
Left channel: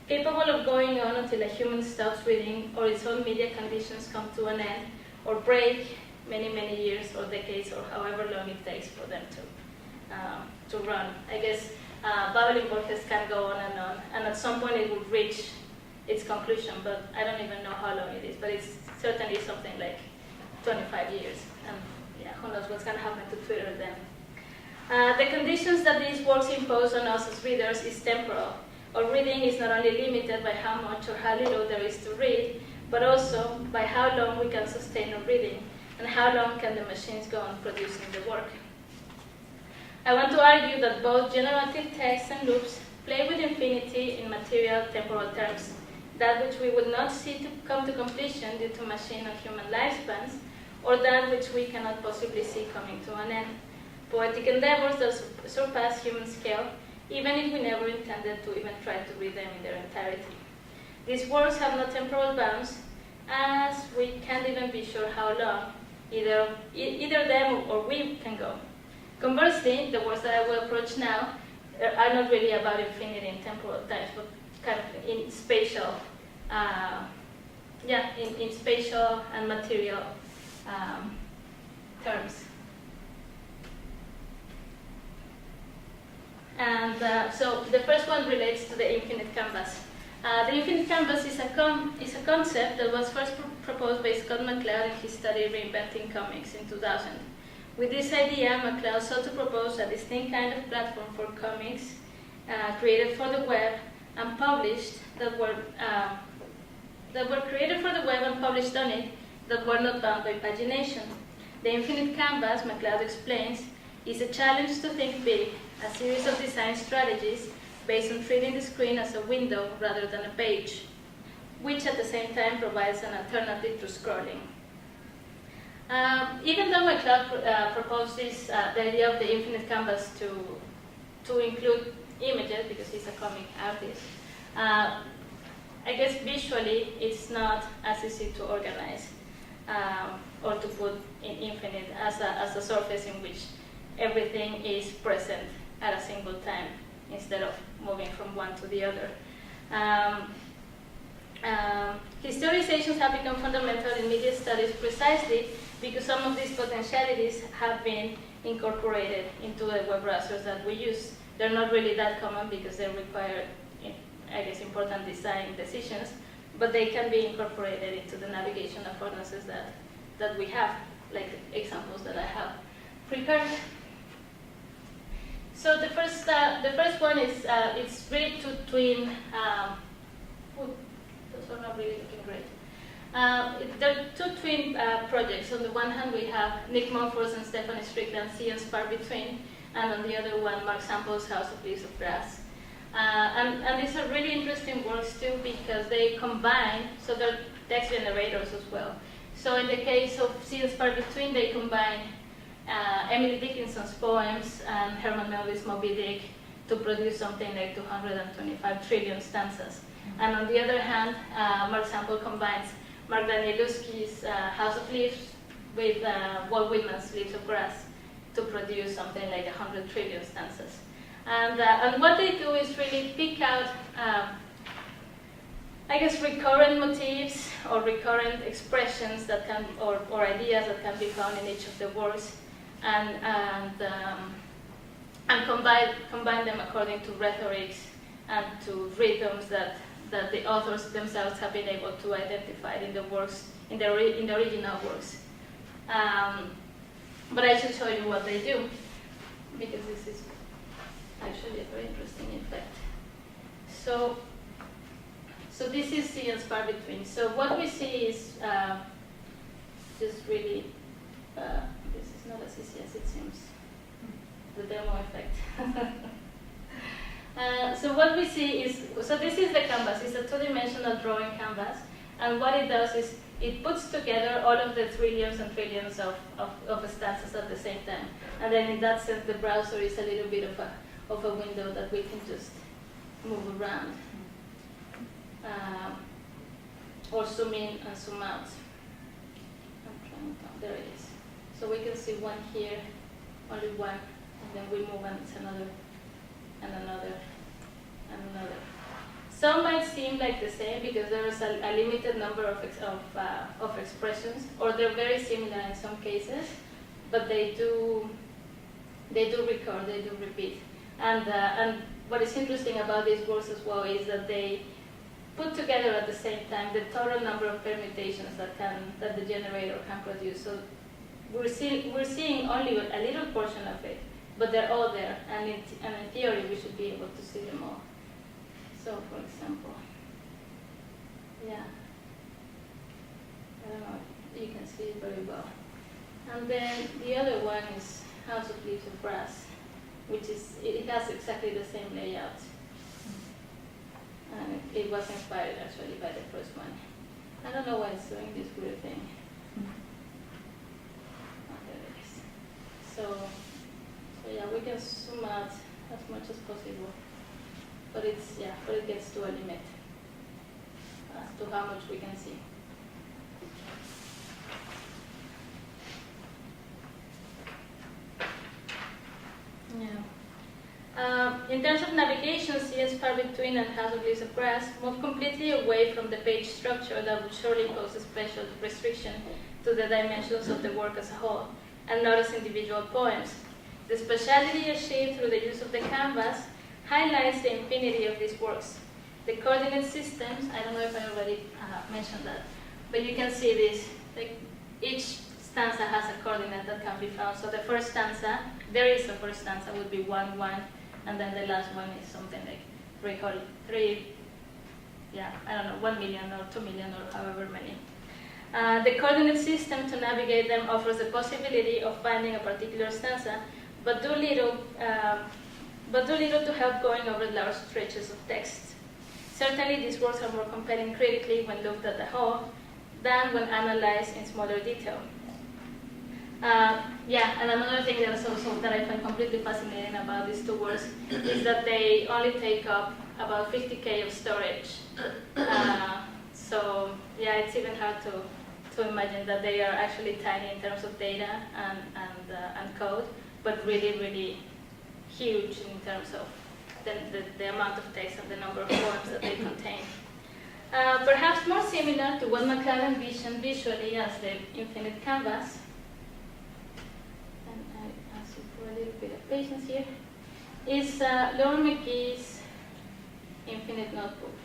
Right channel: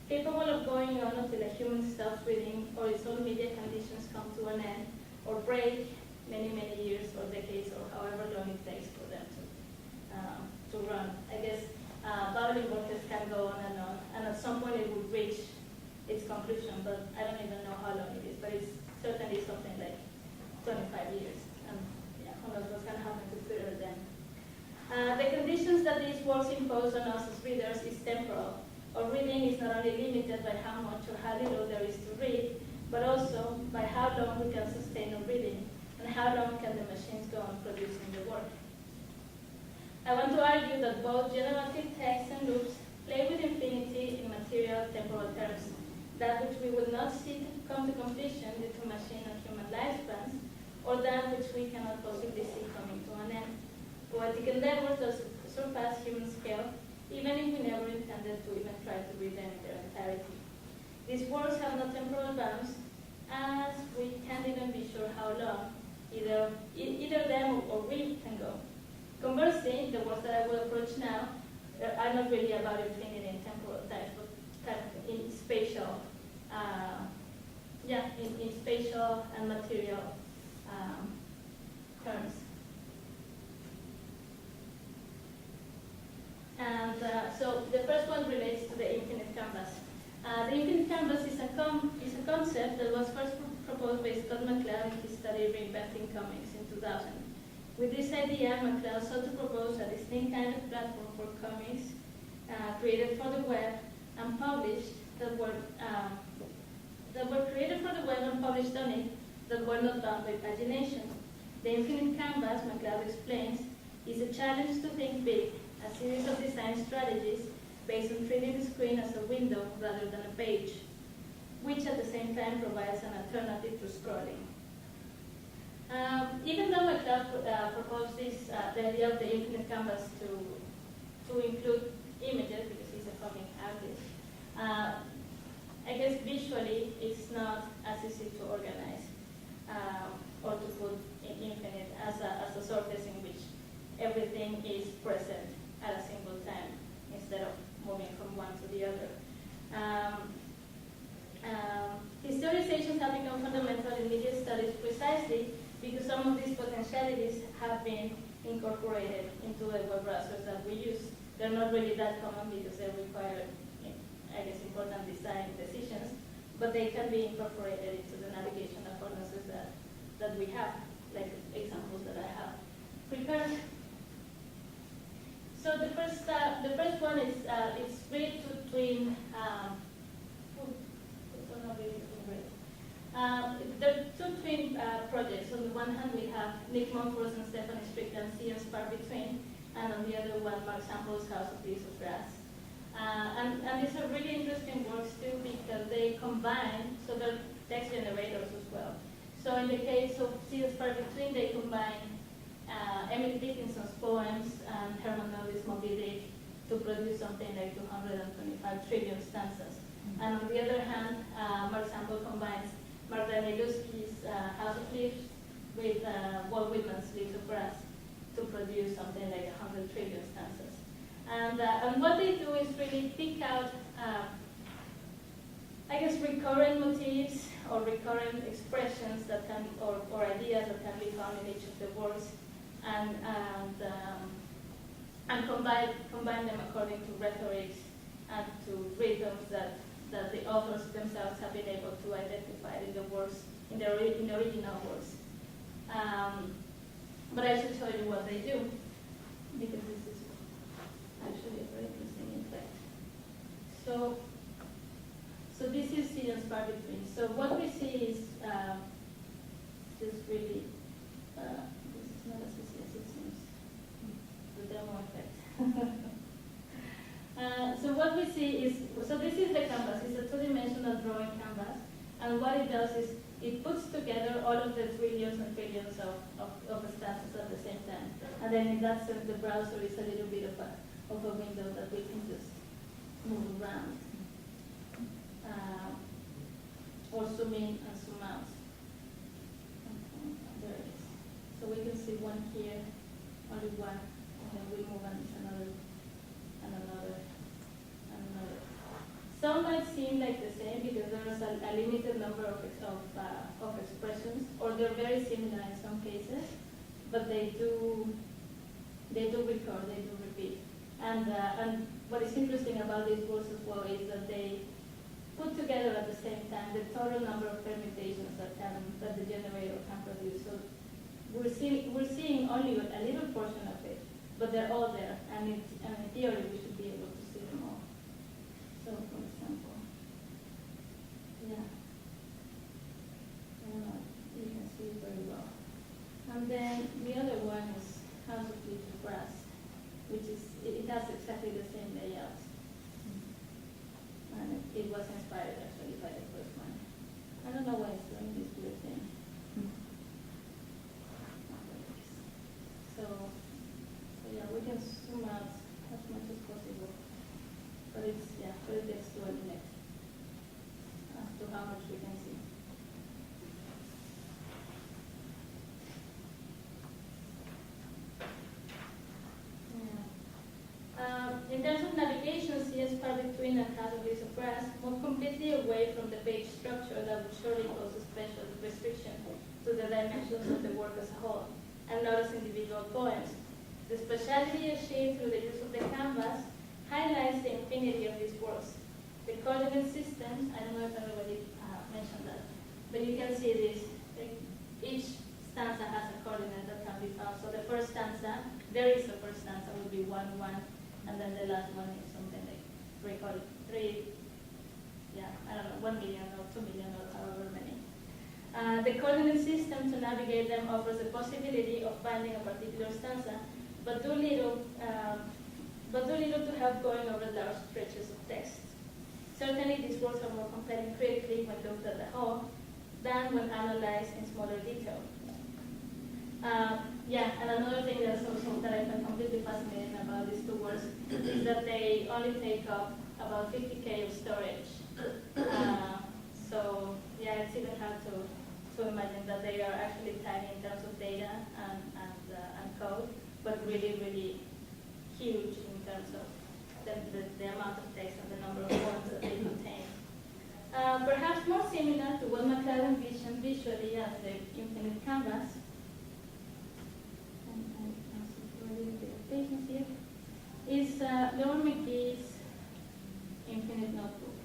capable of going on until a human stops reading or its own media conditions come to an end or break many, many years or decades or however long it takes for them to run. I guess Babel in Borges can go on, and at some point it would reach its conclusion, but I don't even know how long it is, but it's certainly something like 25 years, and yeah, who knows what's going to happen to Twitter then. The conditions that these works impose on us as readers is temporal. Our reading is not only limited by how much or how little there is to read, but also by how long we can sustain our reading, and how long can the machines go on producing the work. I want to argue that both generative text and loops play with infinity in material-temporal terms, that which we would not see to come to completion due to machine and human lifespans, or that which we cannot possibly see coming to an end. Poetic endeavors that surpass human scale, even if we never intended to even try to read them in their entirety. These works have no temporal bounds, as we can't even be sure how long either them or we can go. Conversely, the works that I will approach now are not really about infinity in temporal times, but kind of in spatial, in spatial and material terms. And so the first one relates to the infinite canvas. The infinite canvas is a concept that was first proposed by Scott McCloud in his study Reinventing Comics in 2000. With this idea, McCloud sought to propose a distinct kind of platform for comics created for the web and published that were created for the web and published on it that were not bound by pagination. The infinite canvas, McCloud explains, is a challenge to think big, a series of design strategies based on treating the screen as a window rather than a page, which at the same time provides an alternative to scrolling. Even though McCloud proposed this, the idea of the infinite canvas to include images, because he's a comic artist, I guess visually it's not as easy to organize or to put in infinite as a surface in which everything is present at a single time instead of moving from one to the other. Historizations have become fundamental in media studies precisely because some of these potentialities have been incorporated into the web browsers that we use. They're not really that common because they require, I guess, important design decisions, but they can be incorporated into the navigation affordances that we have, like examples that I have prepared. So the first one is it's really to twin. Those are not really looking great. There are two twin projects. On the one hand, we have Nick Mumford's and Stephanie Strickland's Sea and Spar Between, and on the other one, Mark Sample's House of Leaves of Grass. And these are really interesting works too because they combine, so they're text generators as well. So in the case of Sea and Spar Between, they combine Emily Dickinson's poems and Herman Melville's Moby Dick to produce something like 225 trillion stanzas. And on the other hand, Mark Sample combines Mark Danielewski's House of Leaves with Walt Whitman's Leaves of Grass to produce something like 100 trillion stanzas. And what they do is really pick out, I guess, recurrent motifs or recurrent expressions that can, or ideas that can be found in each of the works, and combine them according to rhetorics and to rhythms that the authors themselves have been able to identify in the works, in the original works. But I should show you what they do, because this is actually a very interesting effect. So this is Sea and Spar Between. So what we see is just really, this is not as easy as it seems, the demo effect. So what we see is, so this is the canvas. It's a two-dimensional drawing canvas, and what it does is it puts together all of the trillions and trillions of stanzas at the same time. And then in that sense, the browser is a little bit of a window that we can just move around, or zoom in and zoom out. There it is. So we can see one here, only one, and then we move and it's another, and another, and another. Some might seem like the same because there is a limited number of expressions, or they're very similar in some cases, but they do recur, they do repeat. And what is interesting about these works as well is that they put together at the same time the total number of permutations that the generator can produce. So we're seeing only a little portion of it, but they're all there, and in theory we should be able to see them all. So, for example, yeah, I don't know, you can see it very well. And then the other one is House of Leaves of Grass, which is, it has exactly the same layout. And it was inspired actually by the first one. I don't know why it's doing this weird thing. Oh, there it is. So yeah, we can zoom out as much as possible. But it gets to a limit as to how much we can see. In terms of navigation, see Far Between and House of Leaves of Grass move completely away from the page structure that would surely pose a special restriction to the dimensions of the work as a whole, and not as individual poems. The spatiality achieved through the use of the canvas highlights the infinity of these works. The coordinate systems, I don't know if I already mentioned that, but you can see this, like each stanza has a coordinate that can be found. So the first stanza, there is a first stanza, would be 1, 1, and then the last one is something like 1 million or 2 million or however many. The coordinate system to navigate them offers the possibility of finding a particular stanza, but do little to help going over large stretches of text. Certainly, these works are more compelling critically when looked at the whole than when analyzed in smaller detail. And another thing that I find completely fascinating about these two works is that they only take up about 50K of storage. It's even hard to imagine that they are actually tiny in terms of data and code, but really, really huge in terms of the amount of text and the number of poems that they contain. Perhaps more similar to what McLaren envisioned visually as the infinite canvas, and I ask you for a little bit of patience here, is Laura McGee's Infinite Notebook.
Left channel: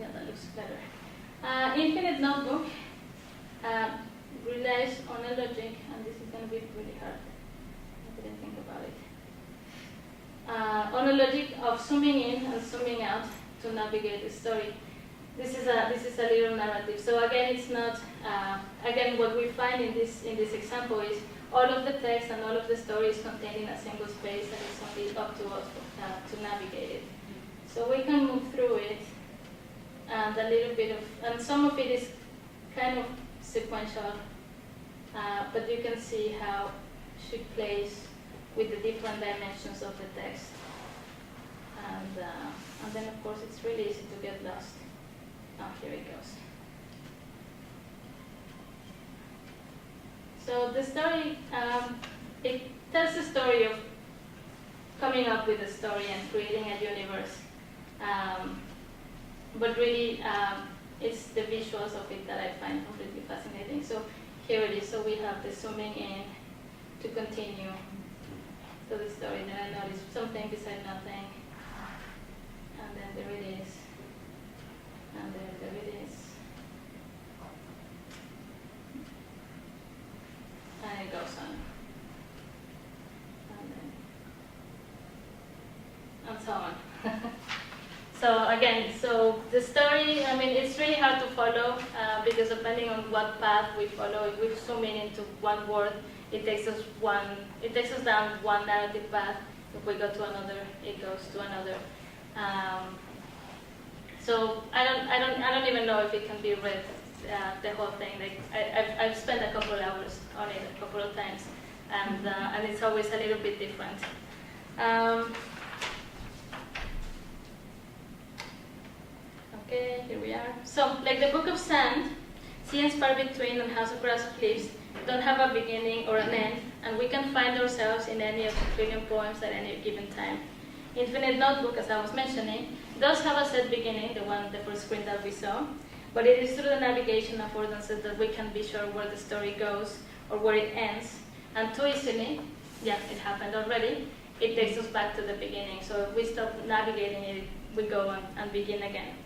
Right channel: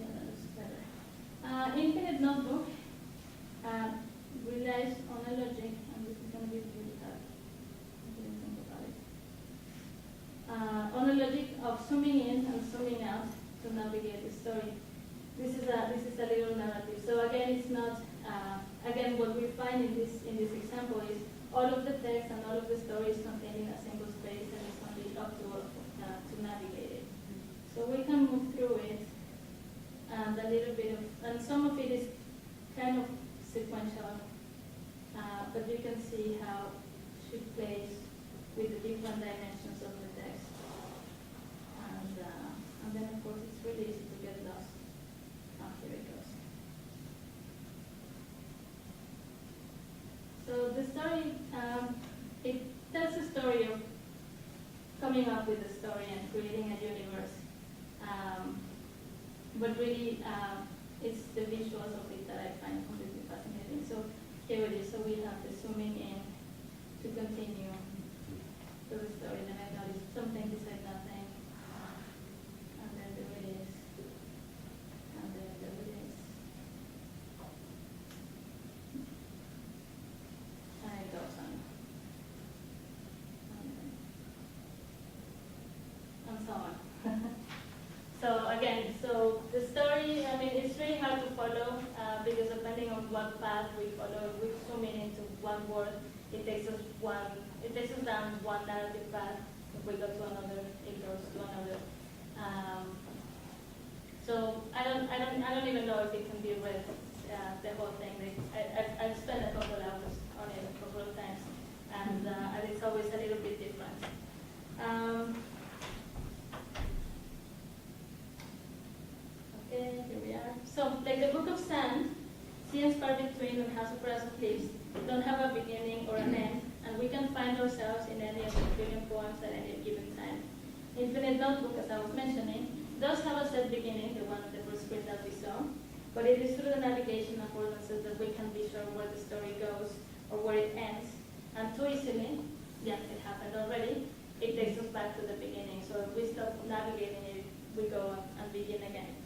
That looks better. Infinite Notebook relies on a logic, and this is going to be really hard. I didn't think about it. On a logic of zooming in and zooming out to navigate the story. This is a little narrative. So again, it's not. Again, what we find in this example is all of the text and all of the story is contained in a single space, and it's only up to us to navigate it. So we can move through it, and and some of it is kind of sequential, but you can see how she plays with the different dimensions of the text. And then, of course, it's really easy to get lost. Here it goes. So the story, it tells the story of coming up with a story and creating a universe. But really, it's the visuals of it that I find completely fascinating. So here it is. So we have the zooming in to continue to the story. Then I notice something beside nothing. And then there it is. And then there it is. And it goes on. And so on. So again, the story, it's really hard to follow because depending on what path we follow, if we zoom in into one word, it takes us down one narrative path. If we go to another, it goes to another. So I don't even know if it can be read the whole thing. Like I've spent a couple hours on it a couple of times, and it's always a little bit different. Okay, here we are. So, like the Book of Sand, sea and spar between and house of grass of leaves don't have a beginning or an end, and we can find ourselves in any of the trillion poems at any given time. Infinite Notebook, as I was mentioning, does have a set beginning, the first screen that we saw, but it is through the navigation affordances that we can be sure where the story goes or where it ends, and too easily, yeah, it happened already, it takes us back to the beginning. So if we stop navigating it, we go on and begin again.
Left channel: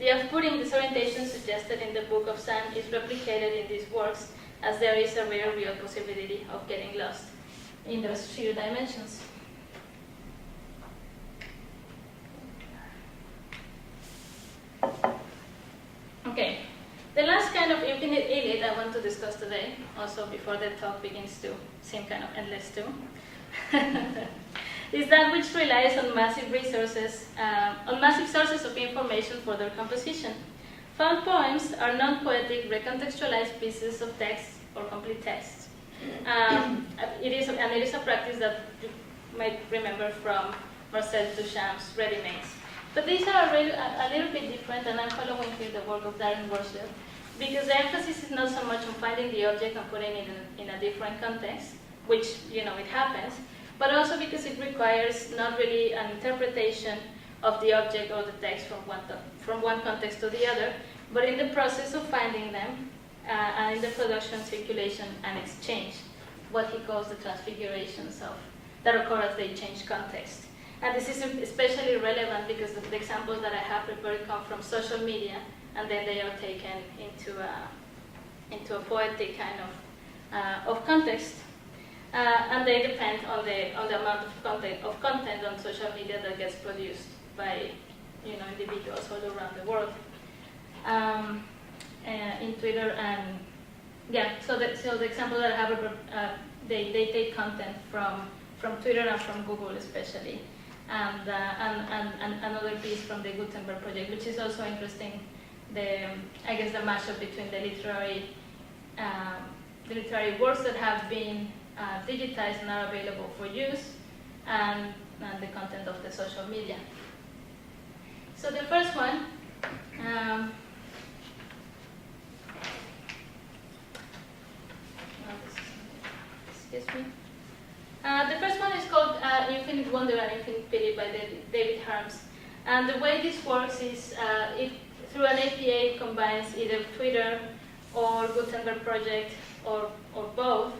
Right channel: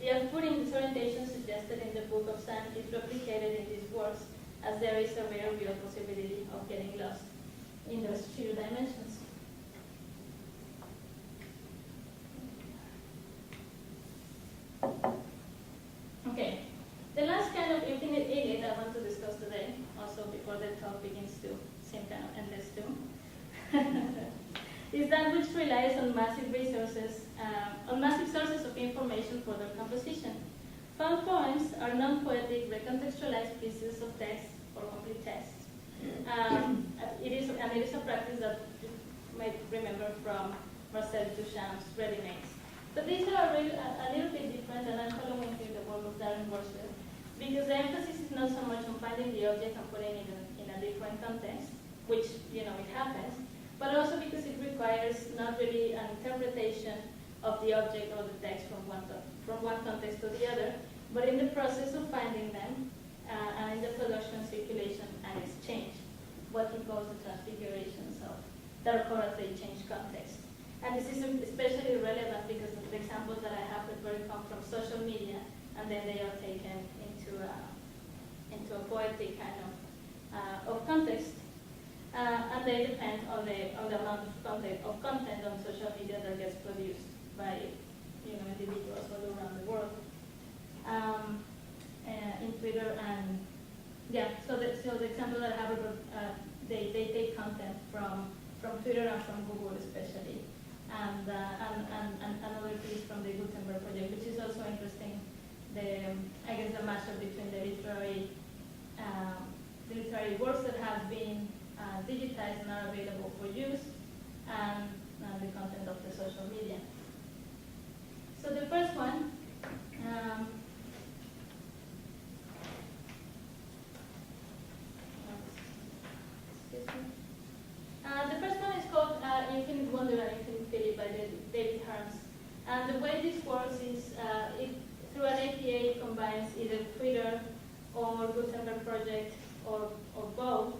The off-putting disorientation suggested in the Book of Sand is replicated in these works, as there is a rare real possibility of getting lost in those sheer dimensions. Okay, the last kind of infinite elite I want to discuss today, also before the talk begins to seem kind of endless too, is that which relies on massive resources, on massive sources of information for their composition. Found poems are non-poetic, recontextualized pieces of text or complete texts. It is a practice that you might remember from Marcel Duchamp's Ready-Mades. But these are a little bit different, and I'm following here the work of Darren Worship, because the emphasis is not so much on finding the object and putting it in a different context, which, it happens, but also because it requires not really an interpretation of the object or the text from one context to the other, but in the process of finding them, and in the production, circulation, and exchange, what he calls the transfigurations that occur as they change context. And this is especially relevant because the examples that I have prepared come from social media, and then they are taken into a poetic kind of context, and they depend on the amount of content on social media that gets produced by individuals all around the world. In Twitter, and so the example that I have, they take content from Twitter and from Google especially, and another piece from the Gutenberg project, which is also interesting. I guess the mashup between the literary works that have been digitized and are available for use, and the content of the social media. So the first one. The first one is called Infinite Wonder and Infinite Pity by David Harms. And the way this works is through an APA combines either Twitter or Gutenberg project or both,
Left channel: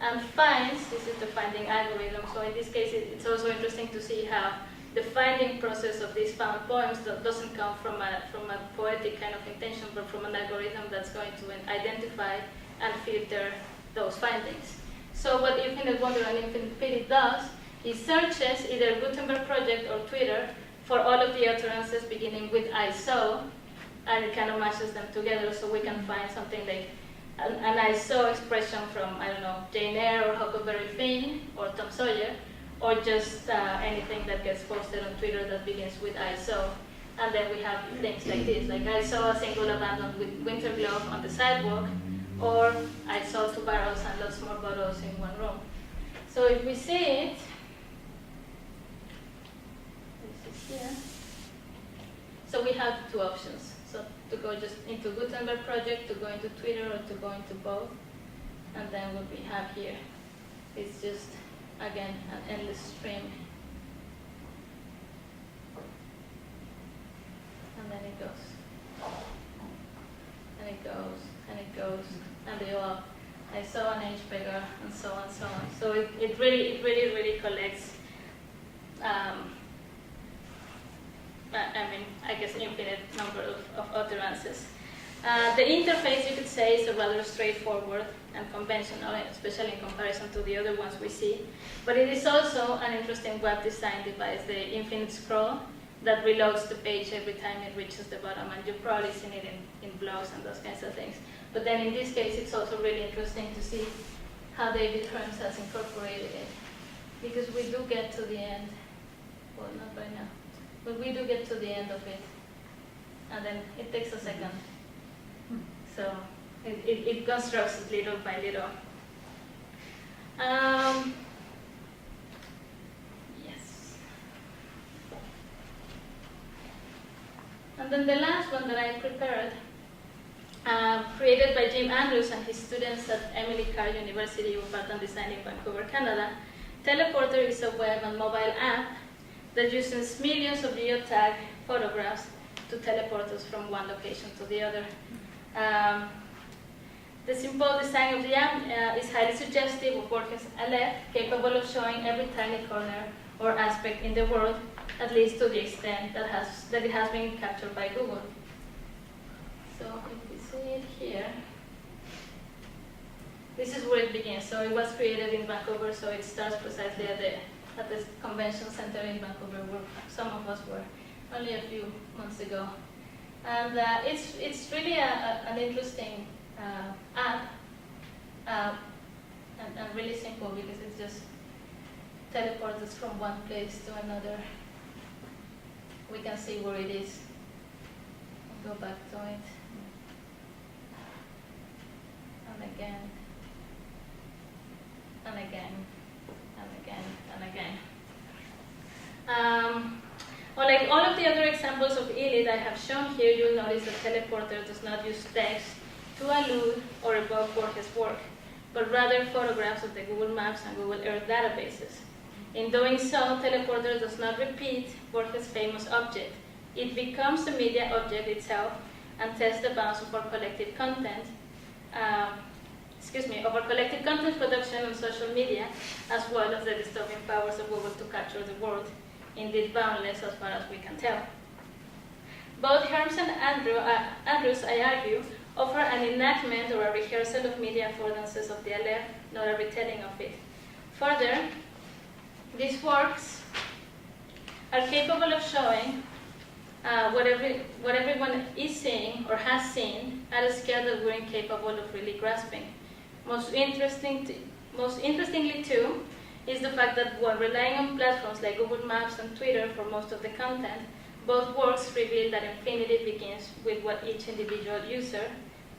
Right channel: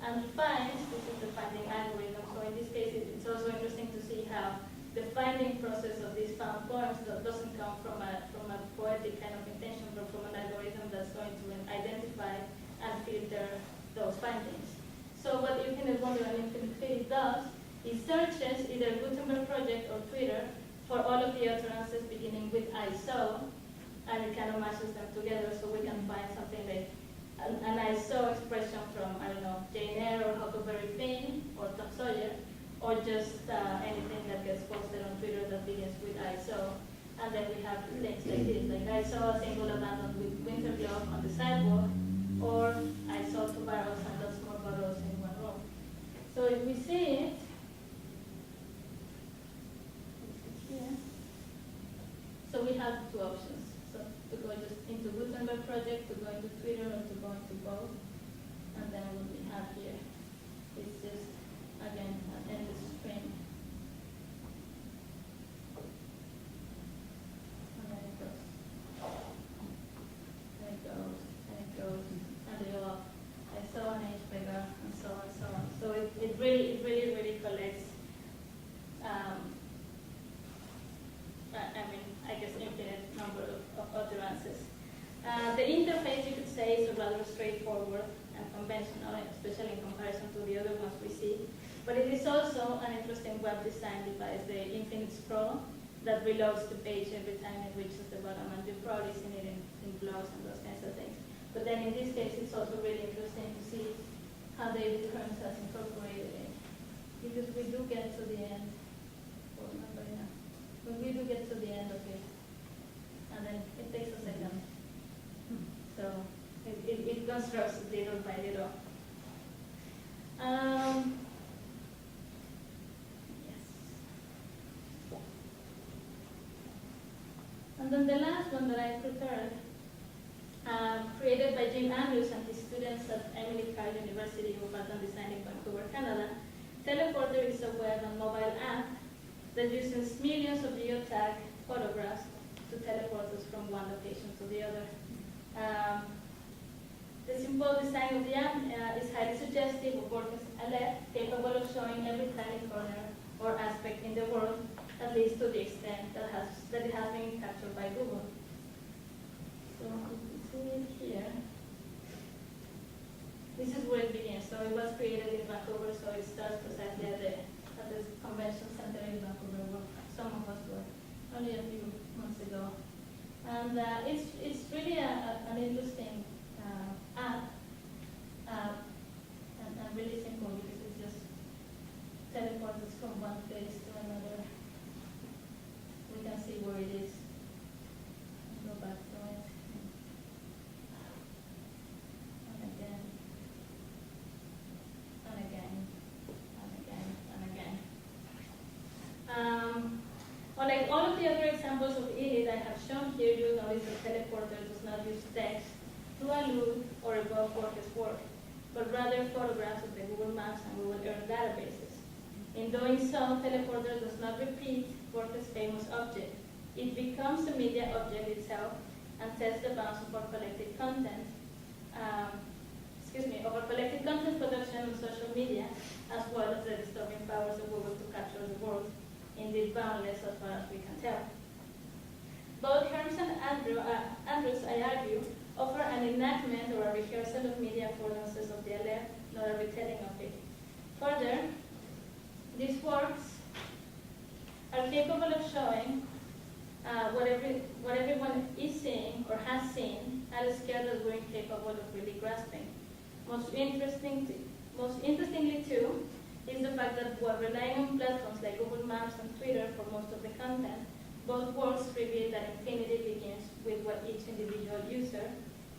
and finds, this is the finding algorithm, so in this case it's also interesting to see how the finding process of these found poems doesn't come from a poetic kind of intention, but from an algorithm that's going to identify and filter those findings. So what Infinite Wonder and Infinite Pity does is searches either Gutenberg project or Twitter for all of the utterances beginning with I saw, and it kind of mashes them together so we can find something like an I saw expression from, I don't know, Jane Eyre or Huckleberry Finn or Tom Sawyer, or just anything that gets posted on Twitter that begins with I saw. And then we have things like this, like I saw a single abandoned winter glove on the sidewalk, or I saw 2 barrels and lots more bottles in one room. So if we see it, this is here. So we have 2 options. So to go just into Gutenberg project, to go into Twitter, or to go into both. And then what we have here is just, again, an endless stream. And then it goes. And it goes, and it goes. And they all, I saw an age beggar, and so on, so on. So it really collects, I guess, infinite number of utterances. The interface, you could say, is a rather straightforward and conventional, especially in comparison to the other ones we see. But it is also an interesting web design device, the infinite scroll, that reloads the page every time it reaches the bottom, and you've probably seen it in blogs and those kinds of things. But then in this case, it's also really interesting to see how David Harms has incorporated it. Because we do get to the end, well, not right now, but we do get to the end of it. And then it takes a second. So it constructs it little by little. And then the last one that I prepared, created by Jim Andrews and his students at Emily Carr University of Art and Design in Vancouver, Canada. Teleporter is a web and mobile app that uses millions of geotag photographs to teleport us from one location to the other. The simple design of the app is highly suggestive of Borges' Aleph, capable of showing every tiny corner or aspect in the world, at least to the extent that it has been captured by Google. So if we see it here, this is where it begins. So it was created in Vancouver, so it starts precisely at the convention center in Vancouver, where some of us were only a few months ago. And it's really an interesting app, and really simple, because it just teleports us from one place to another. We can see where it is. Go back to it. And again. And again. And again. And again. Unlike all of the other examples of ELIT I have shown here, you'll notice that Teleporter does not use text to allude or evoke Borges' work, but rather photographs of the Google Maps and Google Earth databases. In doing so, Teleporter does not repeat Borges' famous object. It becomes the media object itself and tests the bounds of our collective content, of our collective content production on social media, as well as the dystopian powers of Google to capture the world, indeed boundless as far as we can tell. Both Herms and Andrews, I argue, offer an enactment or a rehearsal of media affordances of the Aleph, not a retelling of it. Further, these works are capable of showing what everyone is seeing or has seen at a scale that we're incapable of really grasping. Most interestingly too, is the fact that while relying on platforms like Google Maps and Twitter for most of the content, both works reveal that infinity begins with what each individual user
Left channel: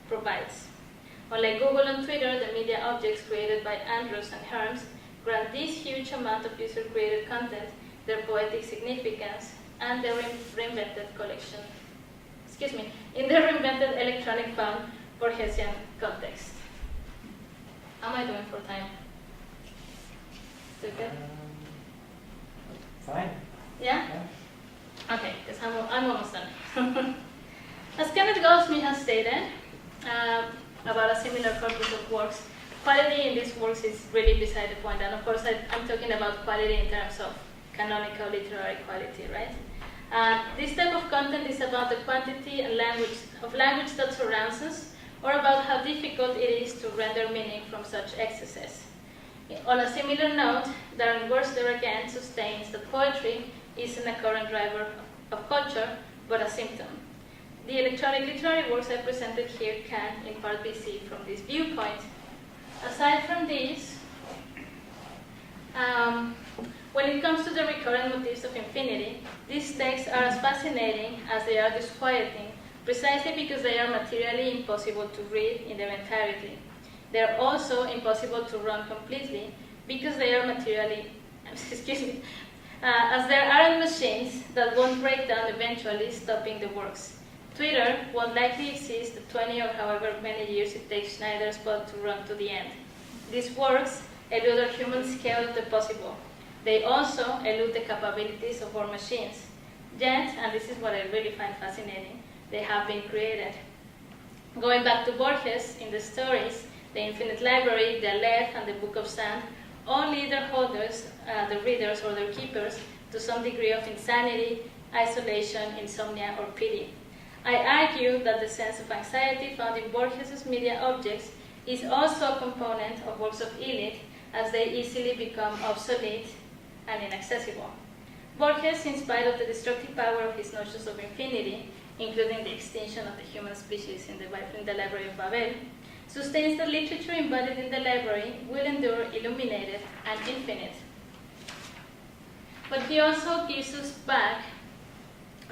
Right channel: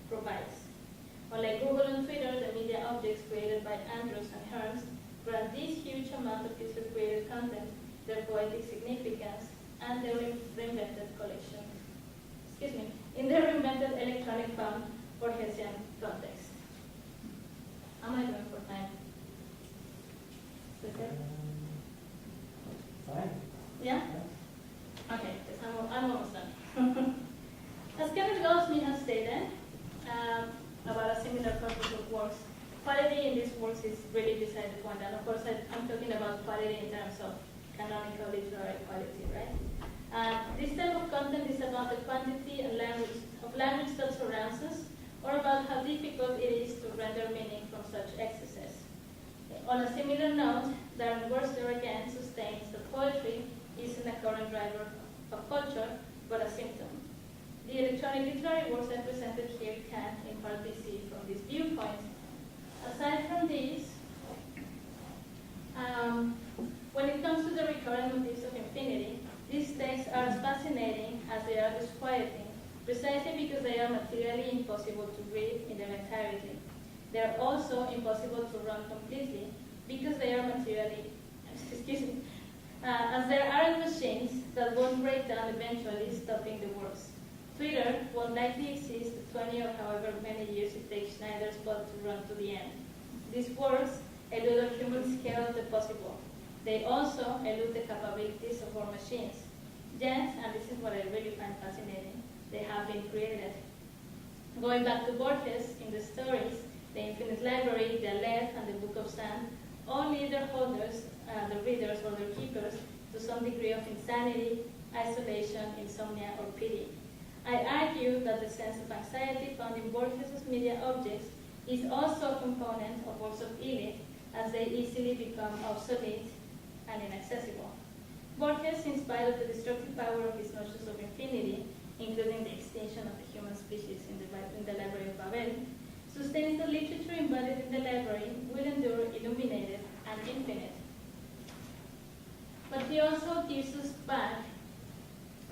provides. Unlike Google and Twitter, the media objects created by Andrews and Herms grant this huge amount of user-created content their poetic significance and their reinvented collection, in their reinvented electronic found Borgesian context. How am I doing for time? Is it good? Fine. Yeah? Okay, because I'm almost done. As Kenneth Goldsmith has stated about a similar corpus of works, quality in these works is really beside the point. And of course, I'm talking about quality in terms of canonical literary quality, right? This type of content is about the quantity and language that surrounds us, or about how difficult it is to render meaning from such excesses. On a similar note, Darren Worster again sustains that poetry isn't a current driver of culture, but a symptom. The electronic literary works I presented here can, in part, be seen from this viewpoint. Aside from these, when it comes to the recurrent motifs of infinity, these texts are as fascinating as they are disquieting, precisely because they are materially impossible to read in their entirety. They are also impossible to run completely because they are materially, as there aren't machines that won't break down eventually, stopping the works. Twitter won't likely exist the 20 or however many years it takes Schneider's bot to run to the end. These works elude our human scale of the possible. They also elude the capabilities of our machines. Yet, and this is what I really find fascinating, they have been created. Going back to Borges, in the stories, the Infinite Library, the Aleph, and the Book of Sand all lead their holders, the readers or their keepers, to some degree of insanity, isolation, insomnia, or pity. I argue that the sense of anxiety found in Borges' media objects is also a component of works of ELIT, as they easily become obsolete and inaccessible. Borges, in spite of the destructive power of his notions of infinity, including the extinction of the human species in the Library of Babel, sustains that literature embodied in the library will endure illuminated and infinite. But he also gives us back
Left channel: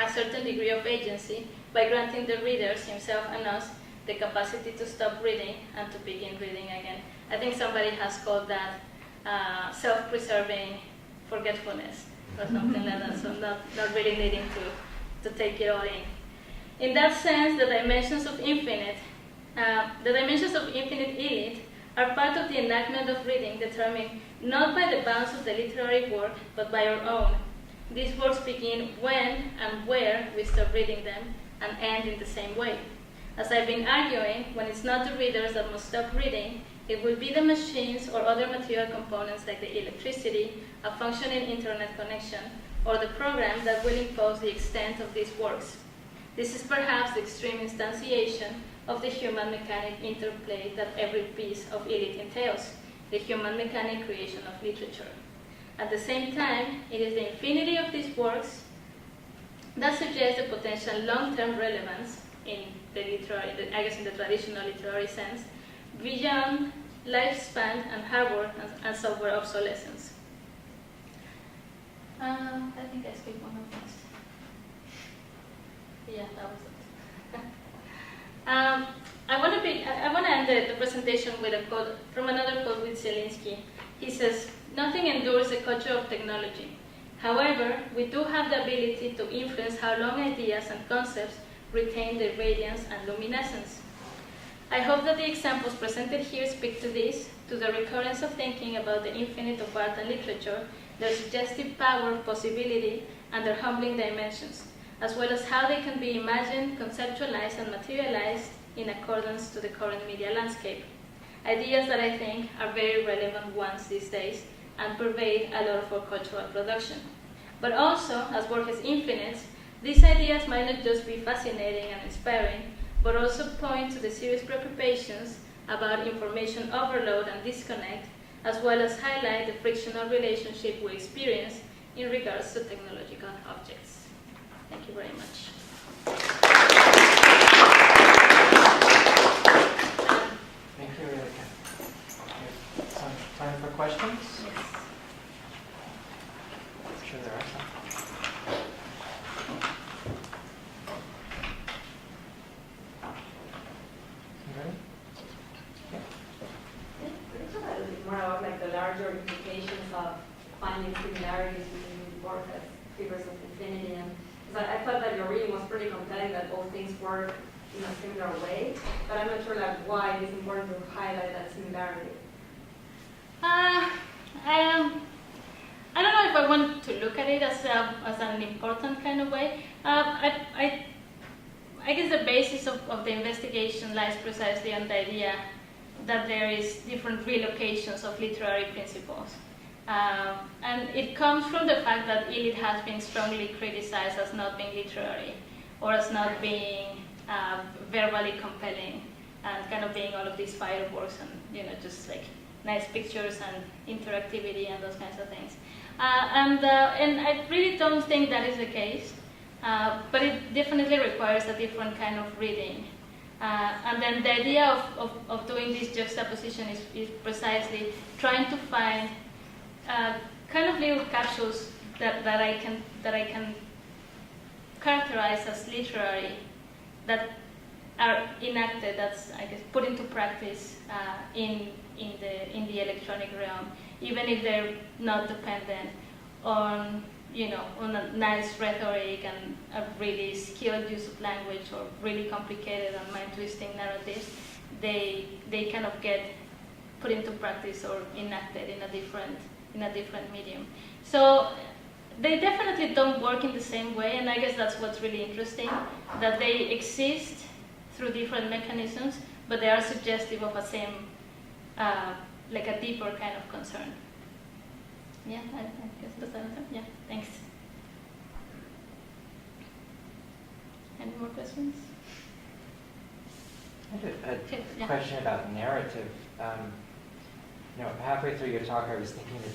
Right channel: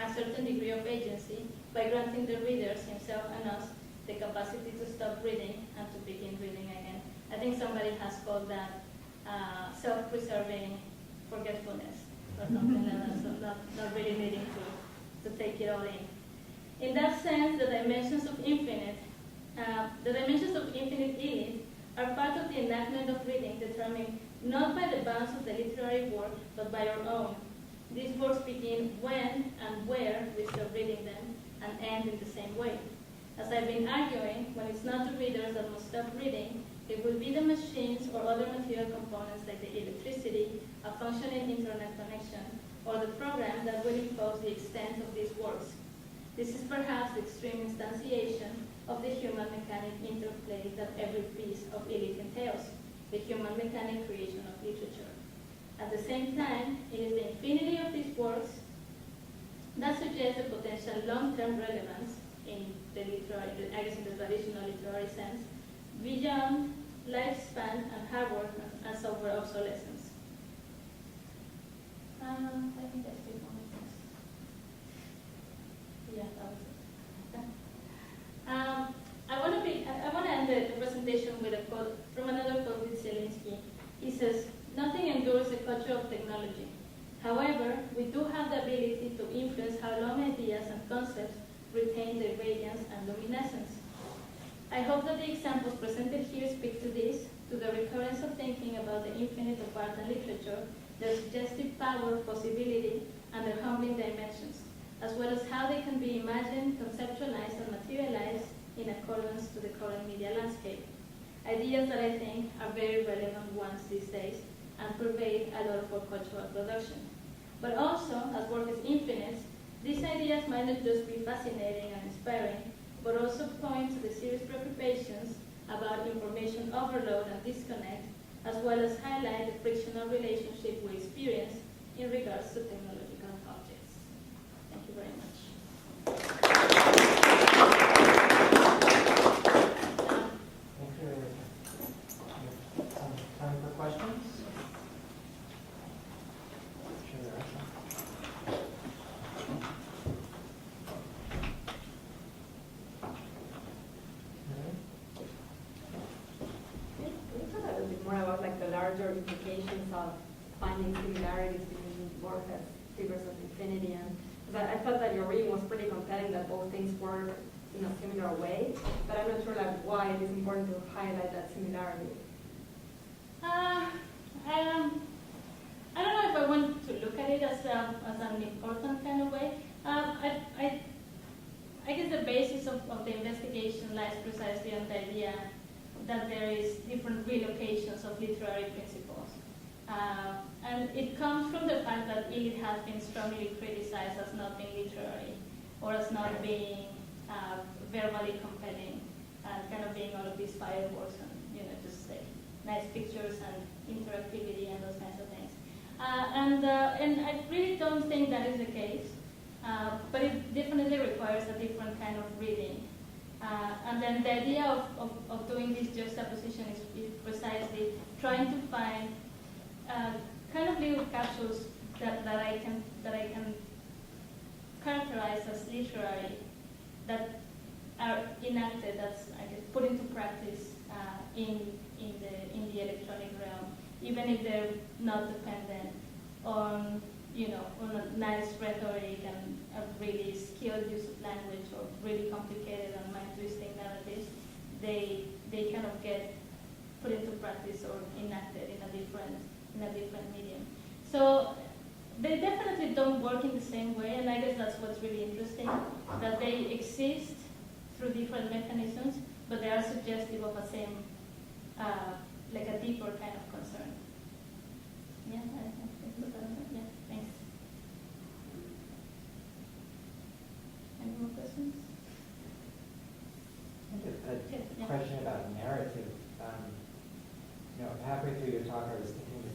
a certain degree of agency by granting the readers, himself and us, the capacity to stop reading and to begin reading again. I think somebody has called that self-preserving forgetfulness or something like that, so not really needing to take it all in. In that sense, the dimensions of infinite elite are part of the enactment of reading determined not by the bounds of the literary work, but by our own. These works begin when and where we stop reading them and end in the same way. As I've been arguing, when it's not the readers that must stop reading, it will be the machines or other material components like the electricity, a functioning internet connection, or the program that will impose the extent of these works. This is perhaps the extreme instantiation of the human mechanic interplay that every piece of elite entails, the human mechanic creation of literature. At the same time, it is the infinity of these works that suggests the potential long-term relevance in the literary, I guess in the traditional literary sense, beyond lifespan and hardware and software obsolescence. I think I skipped one of these. Yeah, that was it. I want to end the presentation with a quote from another quote with Zielinski. He says, "Nothing endures the culture of technology. However, we do have the ability to influence how long ideas and concepts retain their radiance and luminescence." I hope that the examples presented here speak to this, to the recurrence of thinking about the infinite of art and literature, their suggestive power, possibility, and their humbling dimensions, as well as how they can be imagined, conceptualized, and materialized in accordance to the current media landscape. Ideas that I think are very relevant ones these days and pervade a lot of our cultural production. But also, as Borges infinites, these ideas might not just be fascinating and inspiring, but also point to the serious preoccupations about information overload and disconnect, as well as highlight the frictional relationship we experience in regards to technological objects. Thank you very much. Thank you, Élika. Some time for questions? Yes. I'm sure there are some. More about like the larger implications of finding similarities between Borges' figures of infinity, and I thought that your reading was pretty compelling, that both things work in a similar way, but I'm not sure like why it is important to highlight that similarity. I don't know if I want to look at it as an important kind of way. I guess the basis of the investigation lies precisely on the idea that there is different relocations of literary principles. And it comes from the fact that elite has been strongly criticized as not being literary, or as not being verbally compelling, and kind of being all of these fireworks and, just like nice pictures and interactivity and those kinds of things. And I really don't think that is the case, but it definitely requires a different kind of reading. And then the idea of doing this juxtaposition is precisely trying to find kind of little capsules that I can characterize as literary, that are enacted, that's I guess put into practice in the electronic realm, even if they're not dependent on on a nice rhetoric and a really skilled use of language or really complicated and mind-twisting narratives. They kind of get put into practice or enacted in a different medium. So they definitely don't work in the same way, and I guess that's what's really interesting, that they exist through different mechanisms, but they are suggestive of a same, like a deeper kind of concern. Yeah, I guess that's that. Yeah, thanks. Any more questions? I had a question about narrative. Halfway through your talk, I was thinking that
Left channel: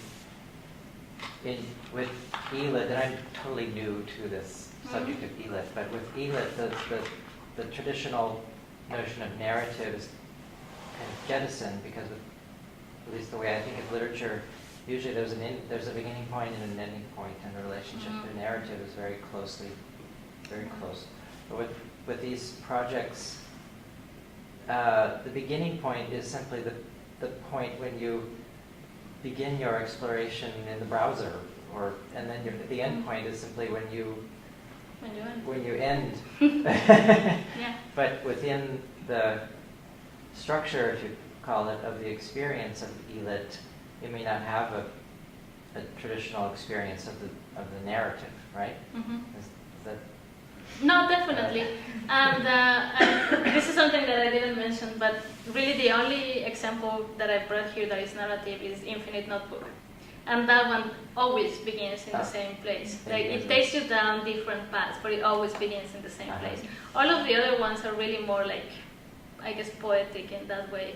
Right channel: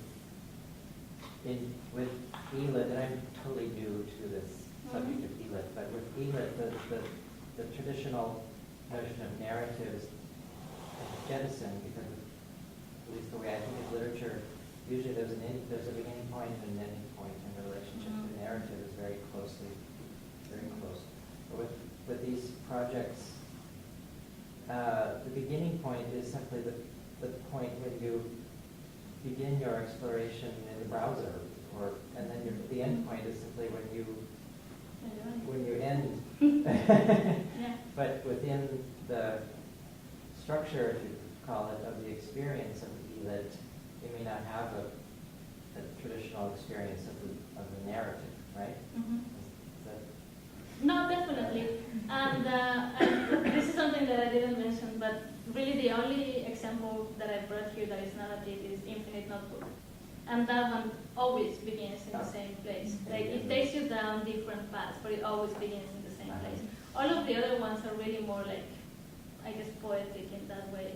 with Elith, and I'm totally new to this subject of Elith, but with Elith, the traditional notion of narratives kind of jettisoned because of, at least the way I think of literature, usually there's a beginning point and an ending point, and the relationship to narrative is very close. But with these projects, the beginning point is simply the point when you begin your exploration in the browser, and then the end point is simply when you When you end. when you end. Yeah. But within the structure, if you call it, of the experience of ELIT, you may not have a traditional experience of the narrative, right? Mm-hmm. Is that No, definitely. And this is something that I didn't mention, but really the only example that I brought here that is narrative is Infinite Notebook. And that one always begins in the same place. Like it takes you down different paths, but it always begins in the same place. All of the other ones are really more like, I guess, poetic in that way.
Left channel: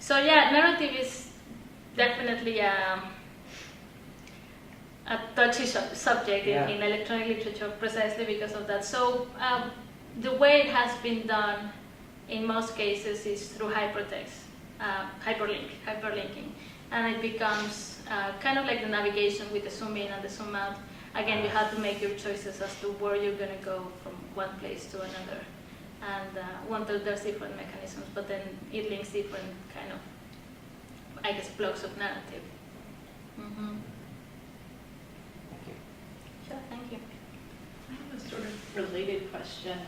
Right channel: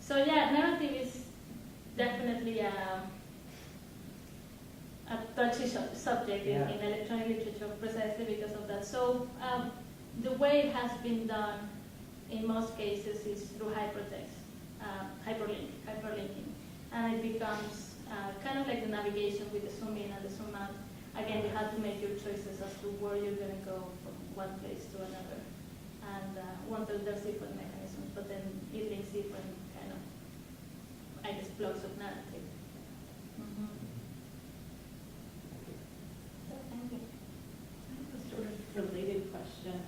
So yeah, narrative is definitely a touchy subject in electronic literature precisely because of that. So the way it has been done in most cases is through hypertext, hyperlinking. And it becomes kind of like the navigation with the zoom in and the zoom out. Again, you have to make your choices as to where you're going to go from one place to another. And there's different mechanisms, but then it links different kind of, I guess, blocks of narrative. Mm-hmm. Thank you. Sure, thank you. I have a sort of related question.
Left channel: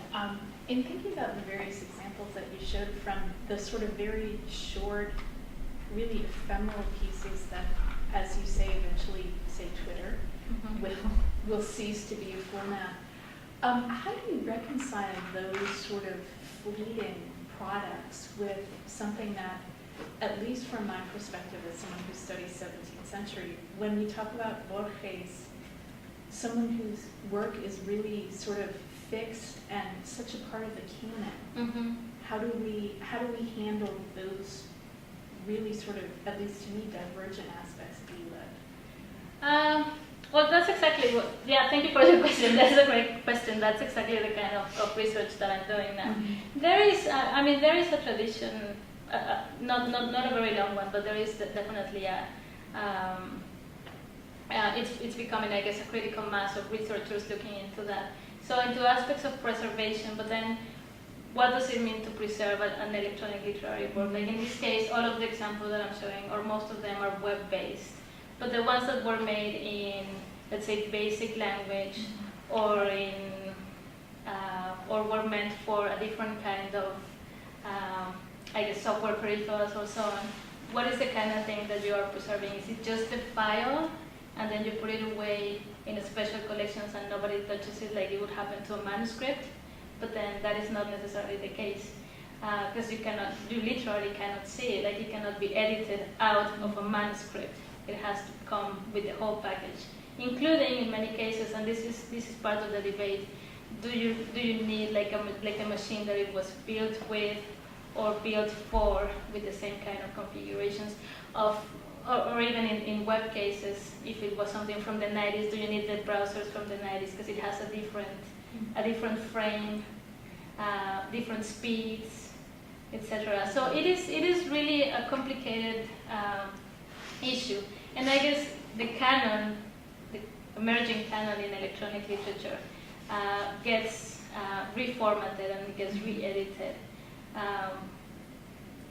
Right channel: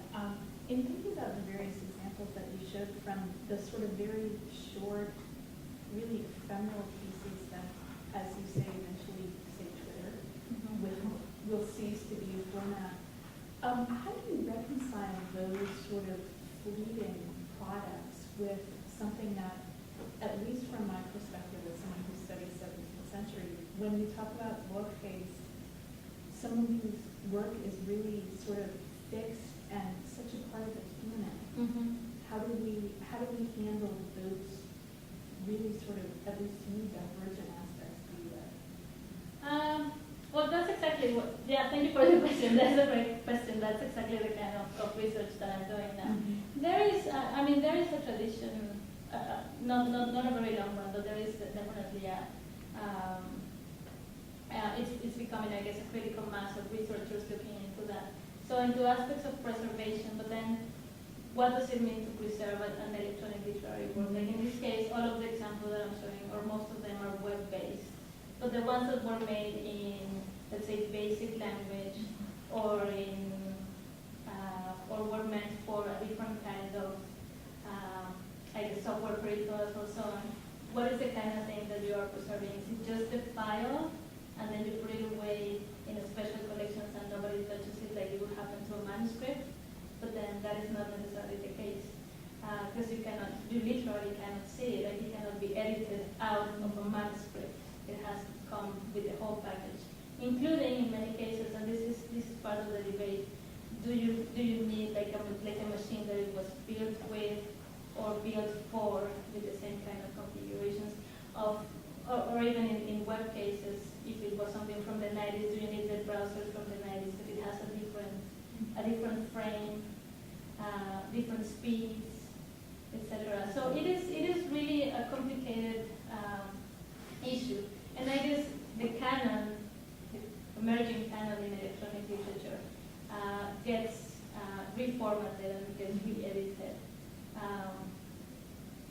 In thinking about the various examples that you showed from the sort of very short, really ephemeral pieces that, as you say, eventually, say Twitter, will cease to be a format. How do you reconcile those sort of fleeting products with something that, at least from my perspective as someone who studies 17th century, when we talk about Borges, someone whose work is really sort of fixed and such a part of the canon, how do we handle those really sort of, at least to me, divergent aspects of ELIT? Well, that's exactly what, thank you for the question. That's a great question. That's exactly the kind of research that I'm doing now. There is a tradition, not a very long one, but there is definitely it's becoming, I guess, a critical mass of researchers looking into that. So into aspects of preservation, but then what does it mean to preserve an electronic literary work? Like in this case, all of the examples that I'm showing, or most of them, are web-based. But the ones that were made in, let's say, basic language, or were meant for a different kind of, I guess, software peripherals or so on, what is the kind of thing that you are preserving? Is it just the file, and then you put it away in a special collections and nobody touches it like it would happen to a manuscript? But then that is not necessarily the case, because you literally cannot see it. Like it cannot be edited out of a manuscript. It has to come with the whole package, including in many cases, and this is part of the debate. Do you need like a machine that it was built with or built for, with the same kind of configurations of, or even in web cases, if it was something from the 90s, do you need the browsers from the 90s because it has a different frame, different speeds, etc. So it is really a complicated issue. And I guess the canon, the emerging canon in electronic literature, gets reformatted and gets re-edited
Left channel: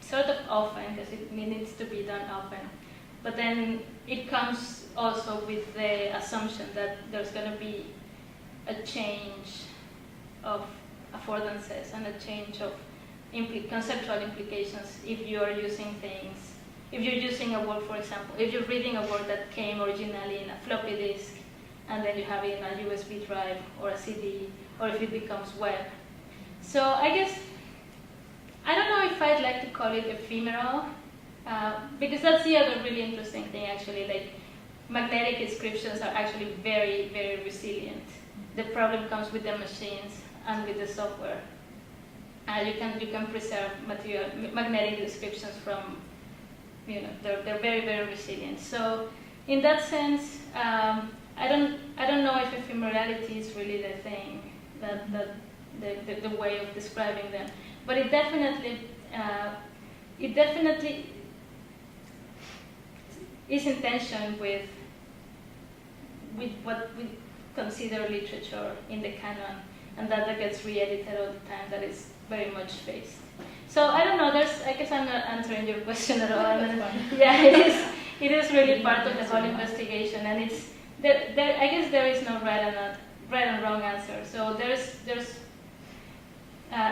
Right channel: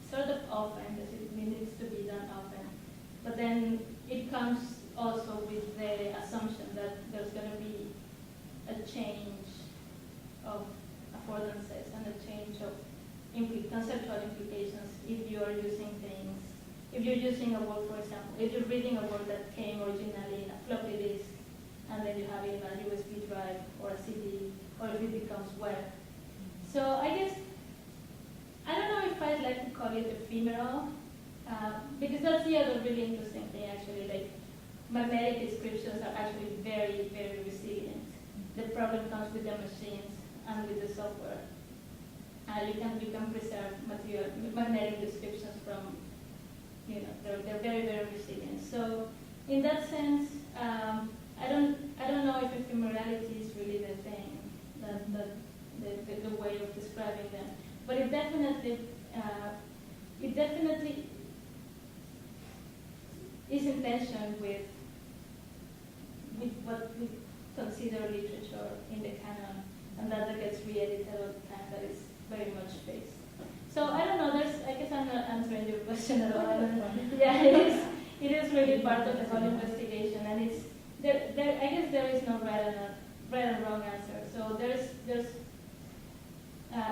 sort of often, because it needs to be done often. But then it comes also with the assumption that there's going to be a change of affordances and a change of conceptual implications if you are using things. If you're using a work, for example, if you're reading a work that came originally in a floppy disk, and then you have it in a USB drive or a CD, or if it becomes web. So I guess, I don't know if I'd like to call it ephemeral, because that's the other really interesting thing actually, like magnetic inscriptions are actually very, very resilient. The problem comes with the machines and with the software. You can preserve magnetic inscriptions from, they're very, very resilient. So in that sense, I don't know if ephemerality is really the thing, the way of describing them. But it definitely is in tension with what we consider literature in the canon, and that gets re-edited all the time, that is very much faced. So I don't know, I guess I'm not answering your question at all. Yeah, it is really part of the whole investigation, and I guess there is no right right and wrong answer. So there's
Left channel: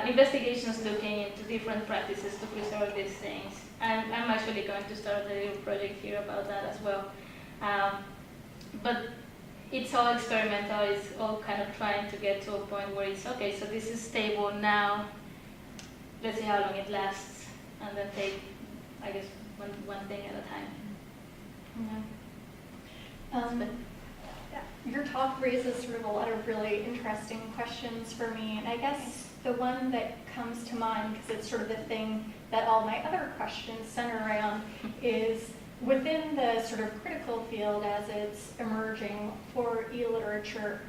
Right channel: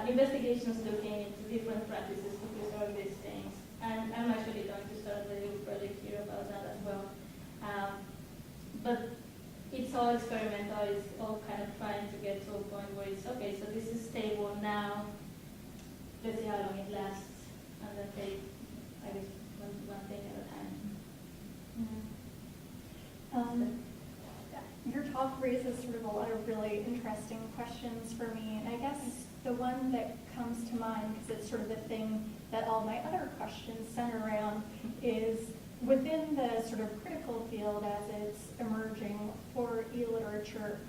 investigations looking into different practices to preserve these things. And I'm actually going to start a little project here about that as well. But it's all experimental, it's all kind of trying to get to a point where it's, okay, so this is stable now, let's see how long it lasts, and then take, I guess, one thing at a time. Your talk raises sort of a lot of really interesting questions for me, and I guess the one that comes to mind, because it's sort of the thing that all my other questions center around, is within the sort of critical field as it's emerging for e-literature,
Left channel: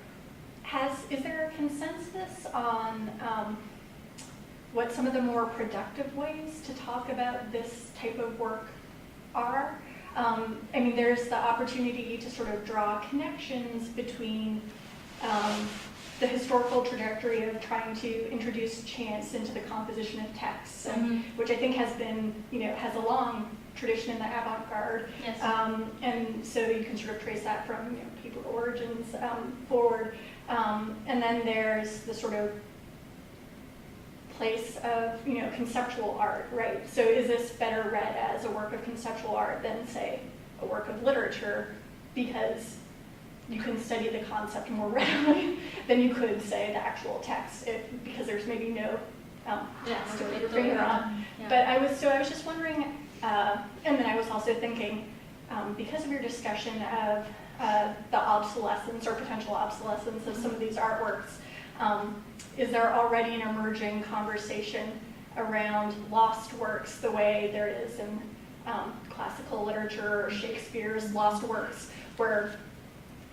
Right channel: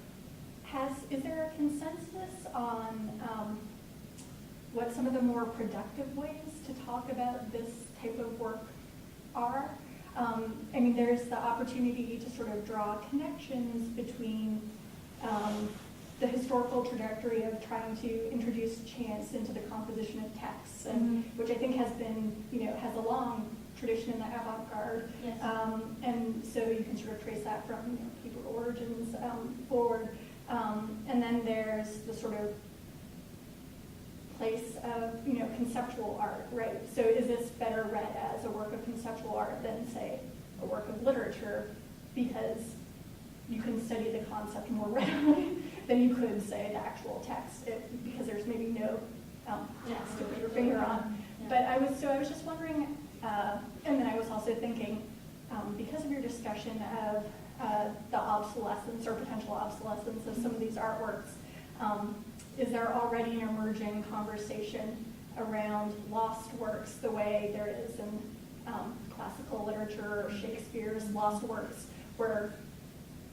is there a consensus on what some of the more productive ways to talk about this type of work are? I mean, there's the opportunity to sort of draw connections between the historical trajectory of trying to introduce chance into the composition of texts, which I think has been, has a long tradition in the avant-garde. Yes. And so you can sort of trace that from Hebrew origins forward. And then there's the sort of place of conceptual art, right? So is this better read as a work of conceptual art than, say, a work of literature, because you can study the concept more readily than you could, say, the actual text, because there's maybe no to put your finger on. Yeah. But I was just wondering, and then I was also thinking, because of your discussion of the obsolescence or potential obsolescence of some of these artworks, is there already an emerging conversation around lost works the way there is in classical literature or Shakespeare's lost works, where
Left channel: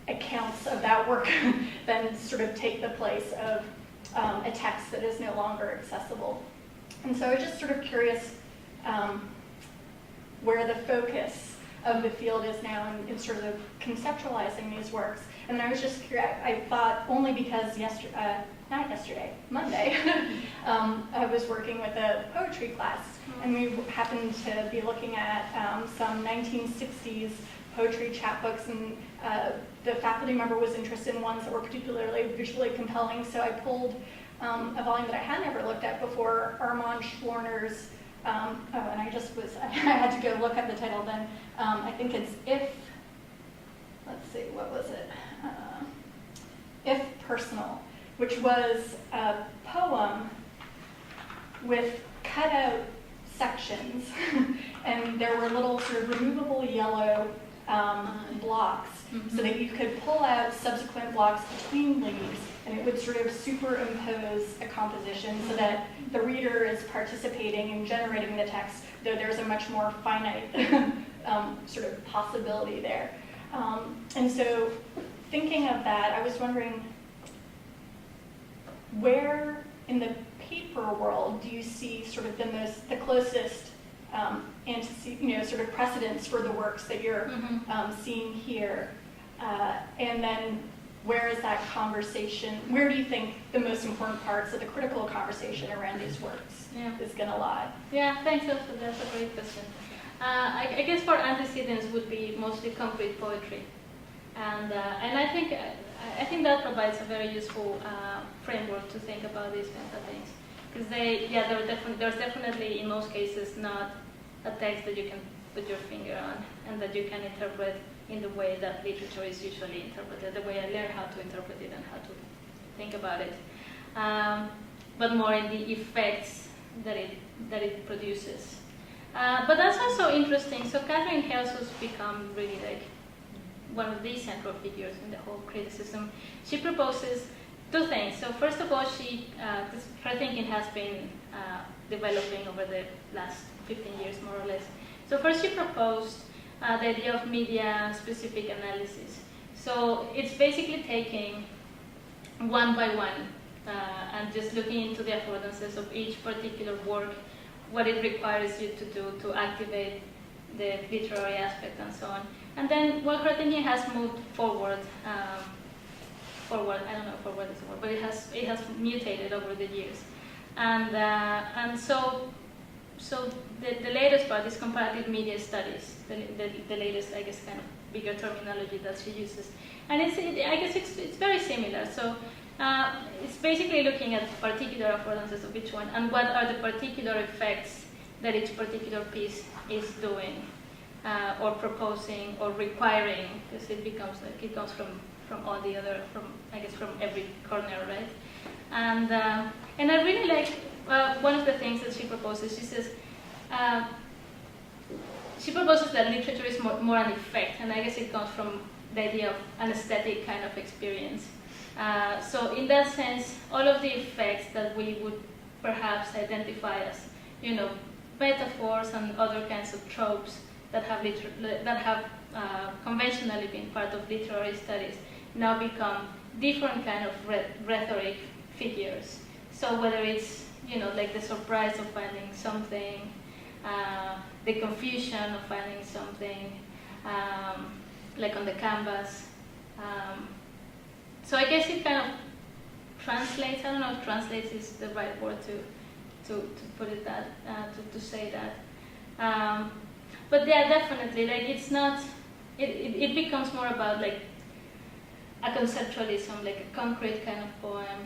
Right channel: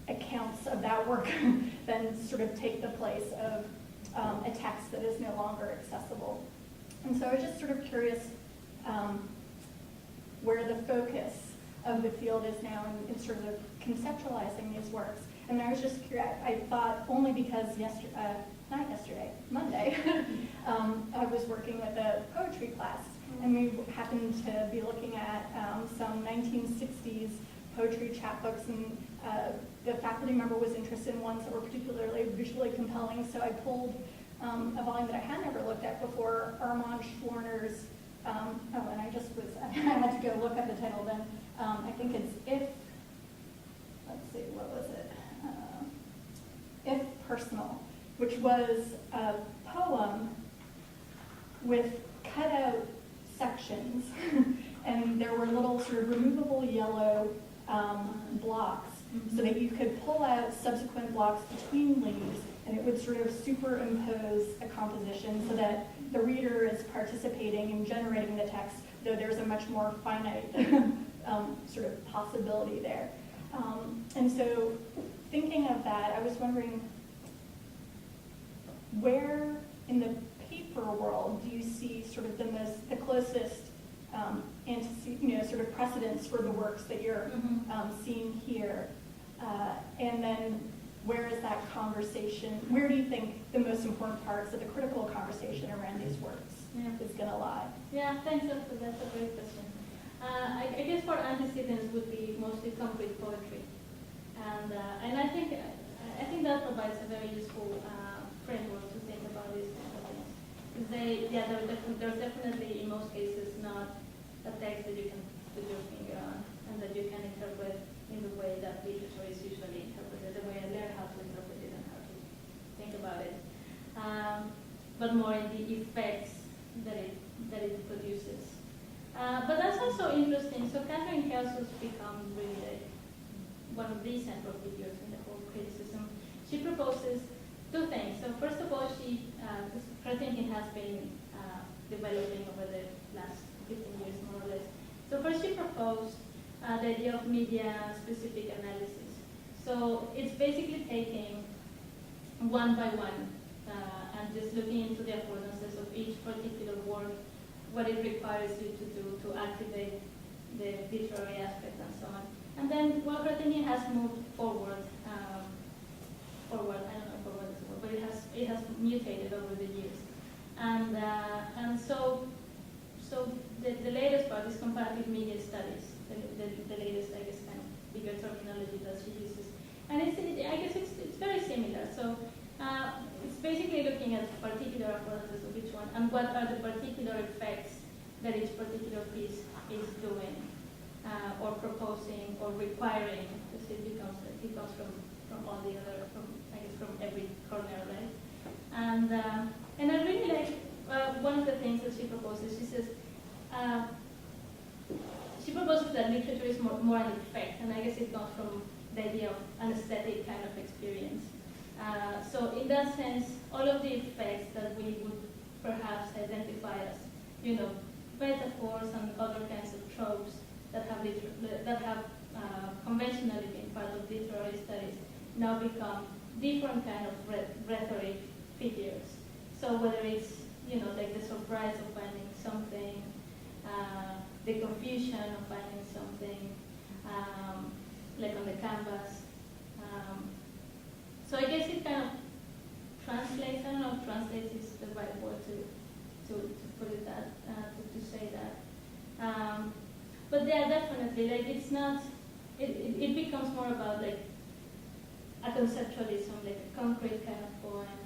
accounts of that work then sort of take the place of a text that is no longer accessible? And so I was just sort of curious where the focus of the field is now in sort of conceptualizing these works. And I was just curious, I thought only because Monday, I was working with a poetry class, and we happened to be looking at some 1960s poetry chapbooks, and the faculty member was interested in ones that were particularly visually compelling, so I pulled a volume that I had never looked at before, Armand Schwerner's, and I had to go look up the title then. I think it's let's see, what was it? If Personal, which was a poem with cutout sections, and there were little sort of removable yellow blocks, so that you could pull out subsequent blocks between leaves, and it would sort of superimpose a composition so that the reader is participating in generating the text, though there's a much more finite sort of possibility there. And so thinking of that, I was wondering, where in the paper world do you see sort of the closest sort of precedents for the works that you're seeing here? And then where is that conversation, where do you think the most important parts of the critical conversation around these works is going to lie? Yeah, thanks, Elsa. That's a great question. I guess for antecedents would be mostly concrete poetry. And I think that provides a very useful framework to think about these kinds of things. Because there's definitely, in most cases, not a text that you can put your finger on and that you can interpret in the way that literature is usually interpreted, the way I learned how to interpret it and how to think about it. But more in the effects that it produces. But that's also interesting. So Catherine Hales has become really like one of the central figures in the whole criticism. She proposes two things. So first of all, her thinking has been developing over the last 15 years, more or less. So first she proposed the idea of media-specific analysis. So it's basically taking one by one and just looking into the affordances of each particular work, what it requires you to do to activate the literary aspect and so on. And then, well, her thinking has moved forward. I don't know if forward is the word, but it has mutated over the years. And so the latest part is comparative media studies. The latest, I guess, kind of bigger terminology that she uses. And I guess it's very similar. So it's basically looking at particular affordances of each one and what are the particular effects that each particular piece is doing or proposing or requiring, because it becomes like it comes from all the other, from every corner, right? And I really like one of the things that she proposes. She says she proposes that literature is more an effect, and I guess it comes from the idea of an aesthetic kind of experience. So in that sense, all of the effects that we would perhaps identify as, metaphors and other kinds of tropes that have conventionally been part of literary studies now become different kind of rhetoric figures. So whether it's, like the surprise of finding something, the confusion of finding something, like on the canvas. So I guess it kind of translates, I don't know if translates is the right word to put it that, to say that. But yeah, definitely, like it's not, it becomes more about like a conceptualism, like a concrete kind of poem.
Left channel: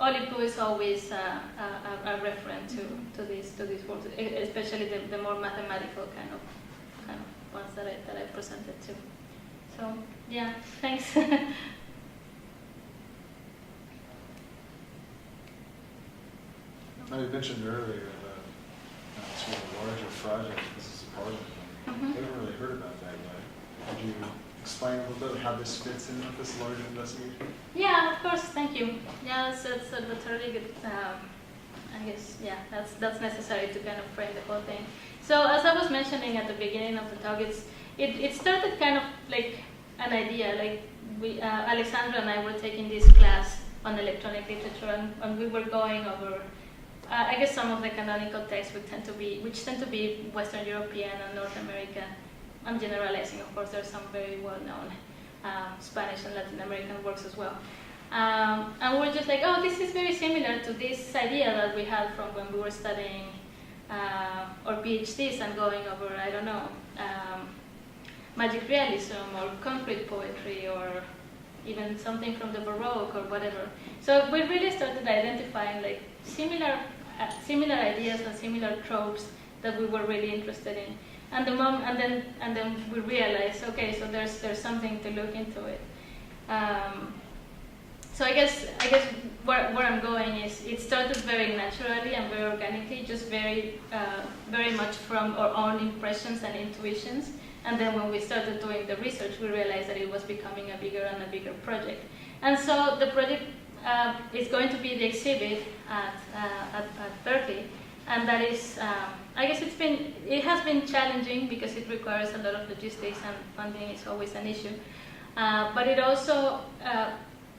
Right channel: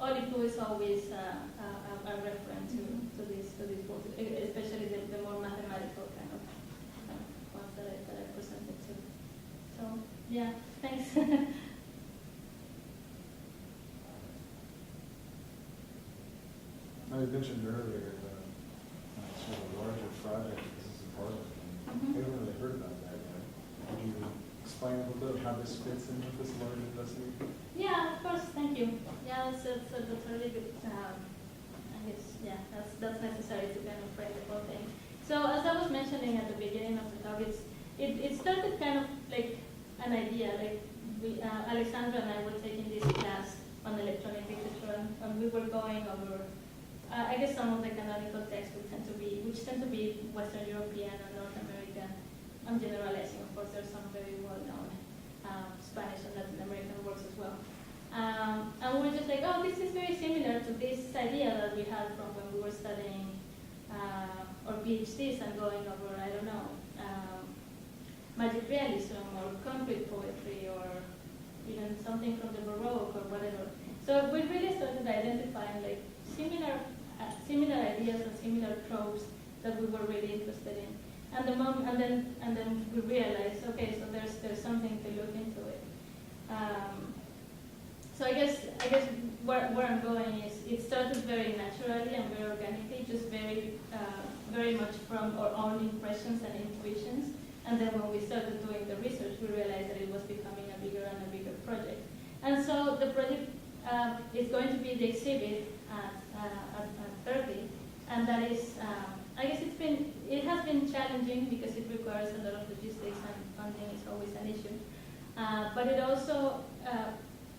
Olive Blue is always a reference to these works, especially the more mathematical kind of ones that I presented too. So yeah, thanks. You mentioned earlier the sort of larger project this is a part of. I haven't really heard about that yet. Could you explain a little bit how this fits in with this larger investigation? Yeah, of course. Thank you. Yeah, that's a really good. I guess that's necessary to kind of frame the whole thing. So as I was mentioning at the beginning of the talk, it started kind of like an idea. Like Alexandra and I were taking this class on electronic literature, and we were going over. I guess some of the canonical texts which tend to be Western European and North American. I'm generalizing, of course. There's some very well-known Spanish and Latin American works as well. And we're just like, oh, this is very similar to this idea that we had from when we were studying our PhDs and going over, I don't know, magic realism or concrete poetry or even something from the Baroque or whatever. So we really started identifying like similar ideas and similar tropes that we were really interested in. And then we realized, okay, so there's something to look into it. So I guess where I'm going is it started very naturally and very organically, just very much from our own impressions and intuitions. And then when we started doing the research, we realized that it was becoming a bigger and a bigger project. And so the project is going to be the exhibit at Berkeley, and that is, I guess it has been challenging because it requires a lot of logistics and funding is always an issue. But it also,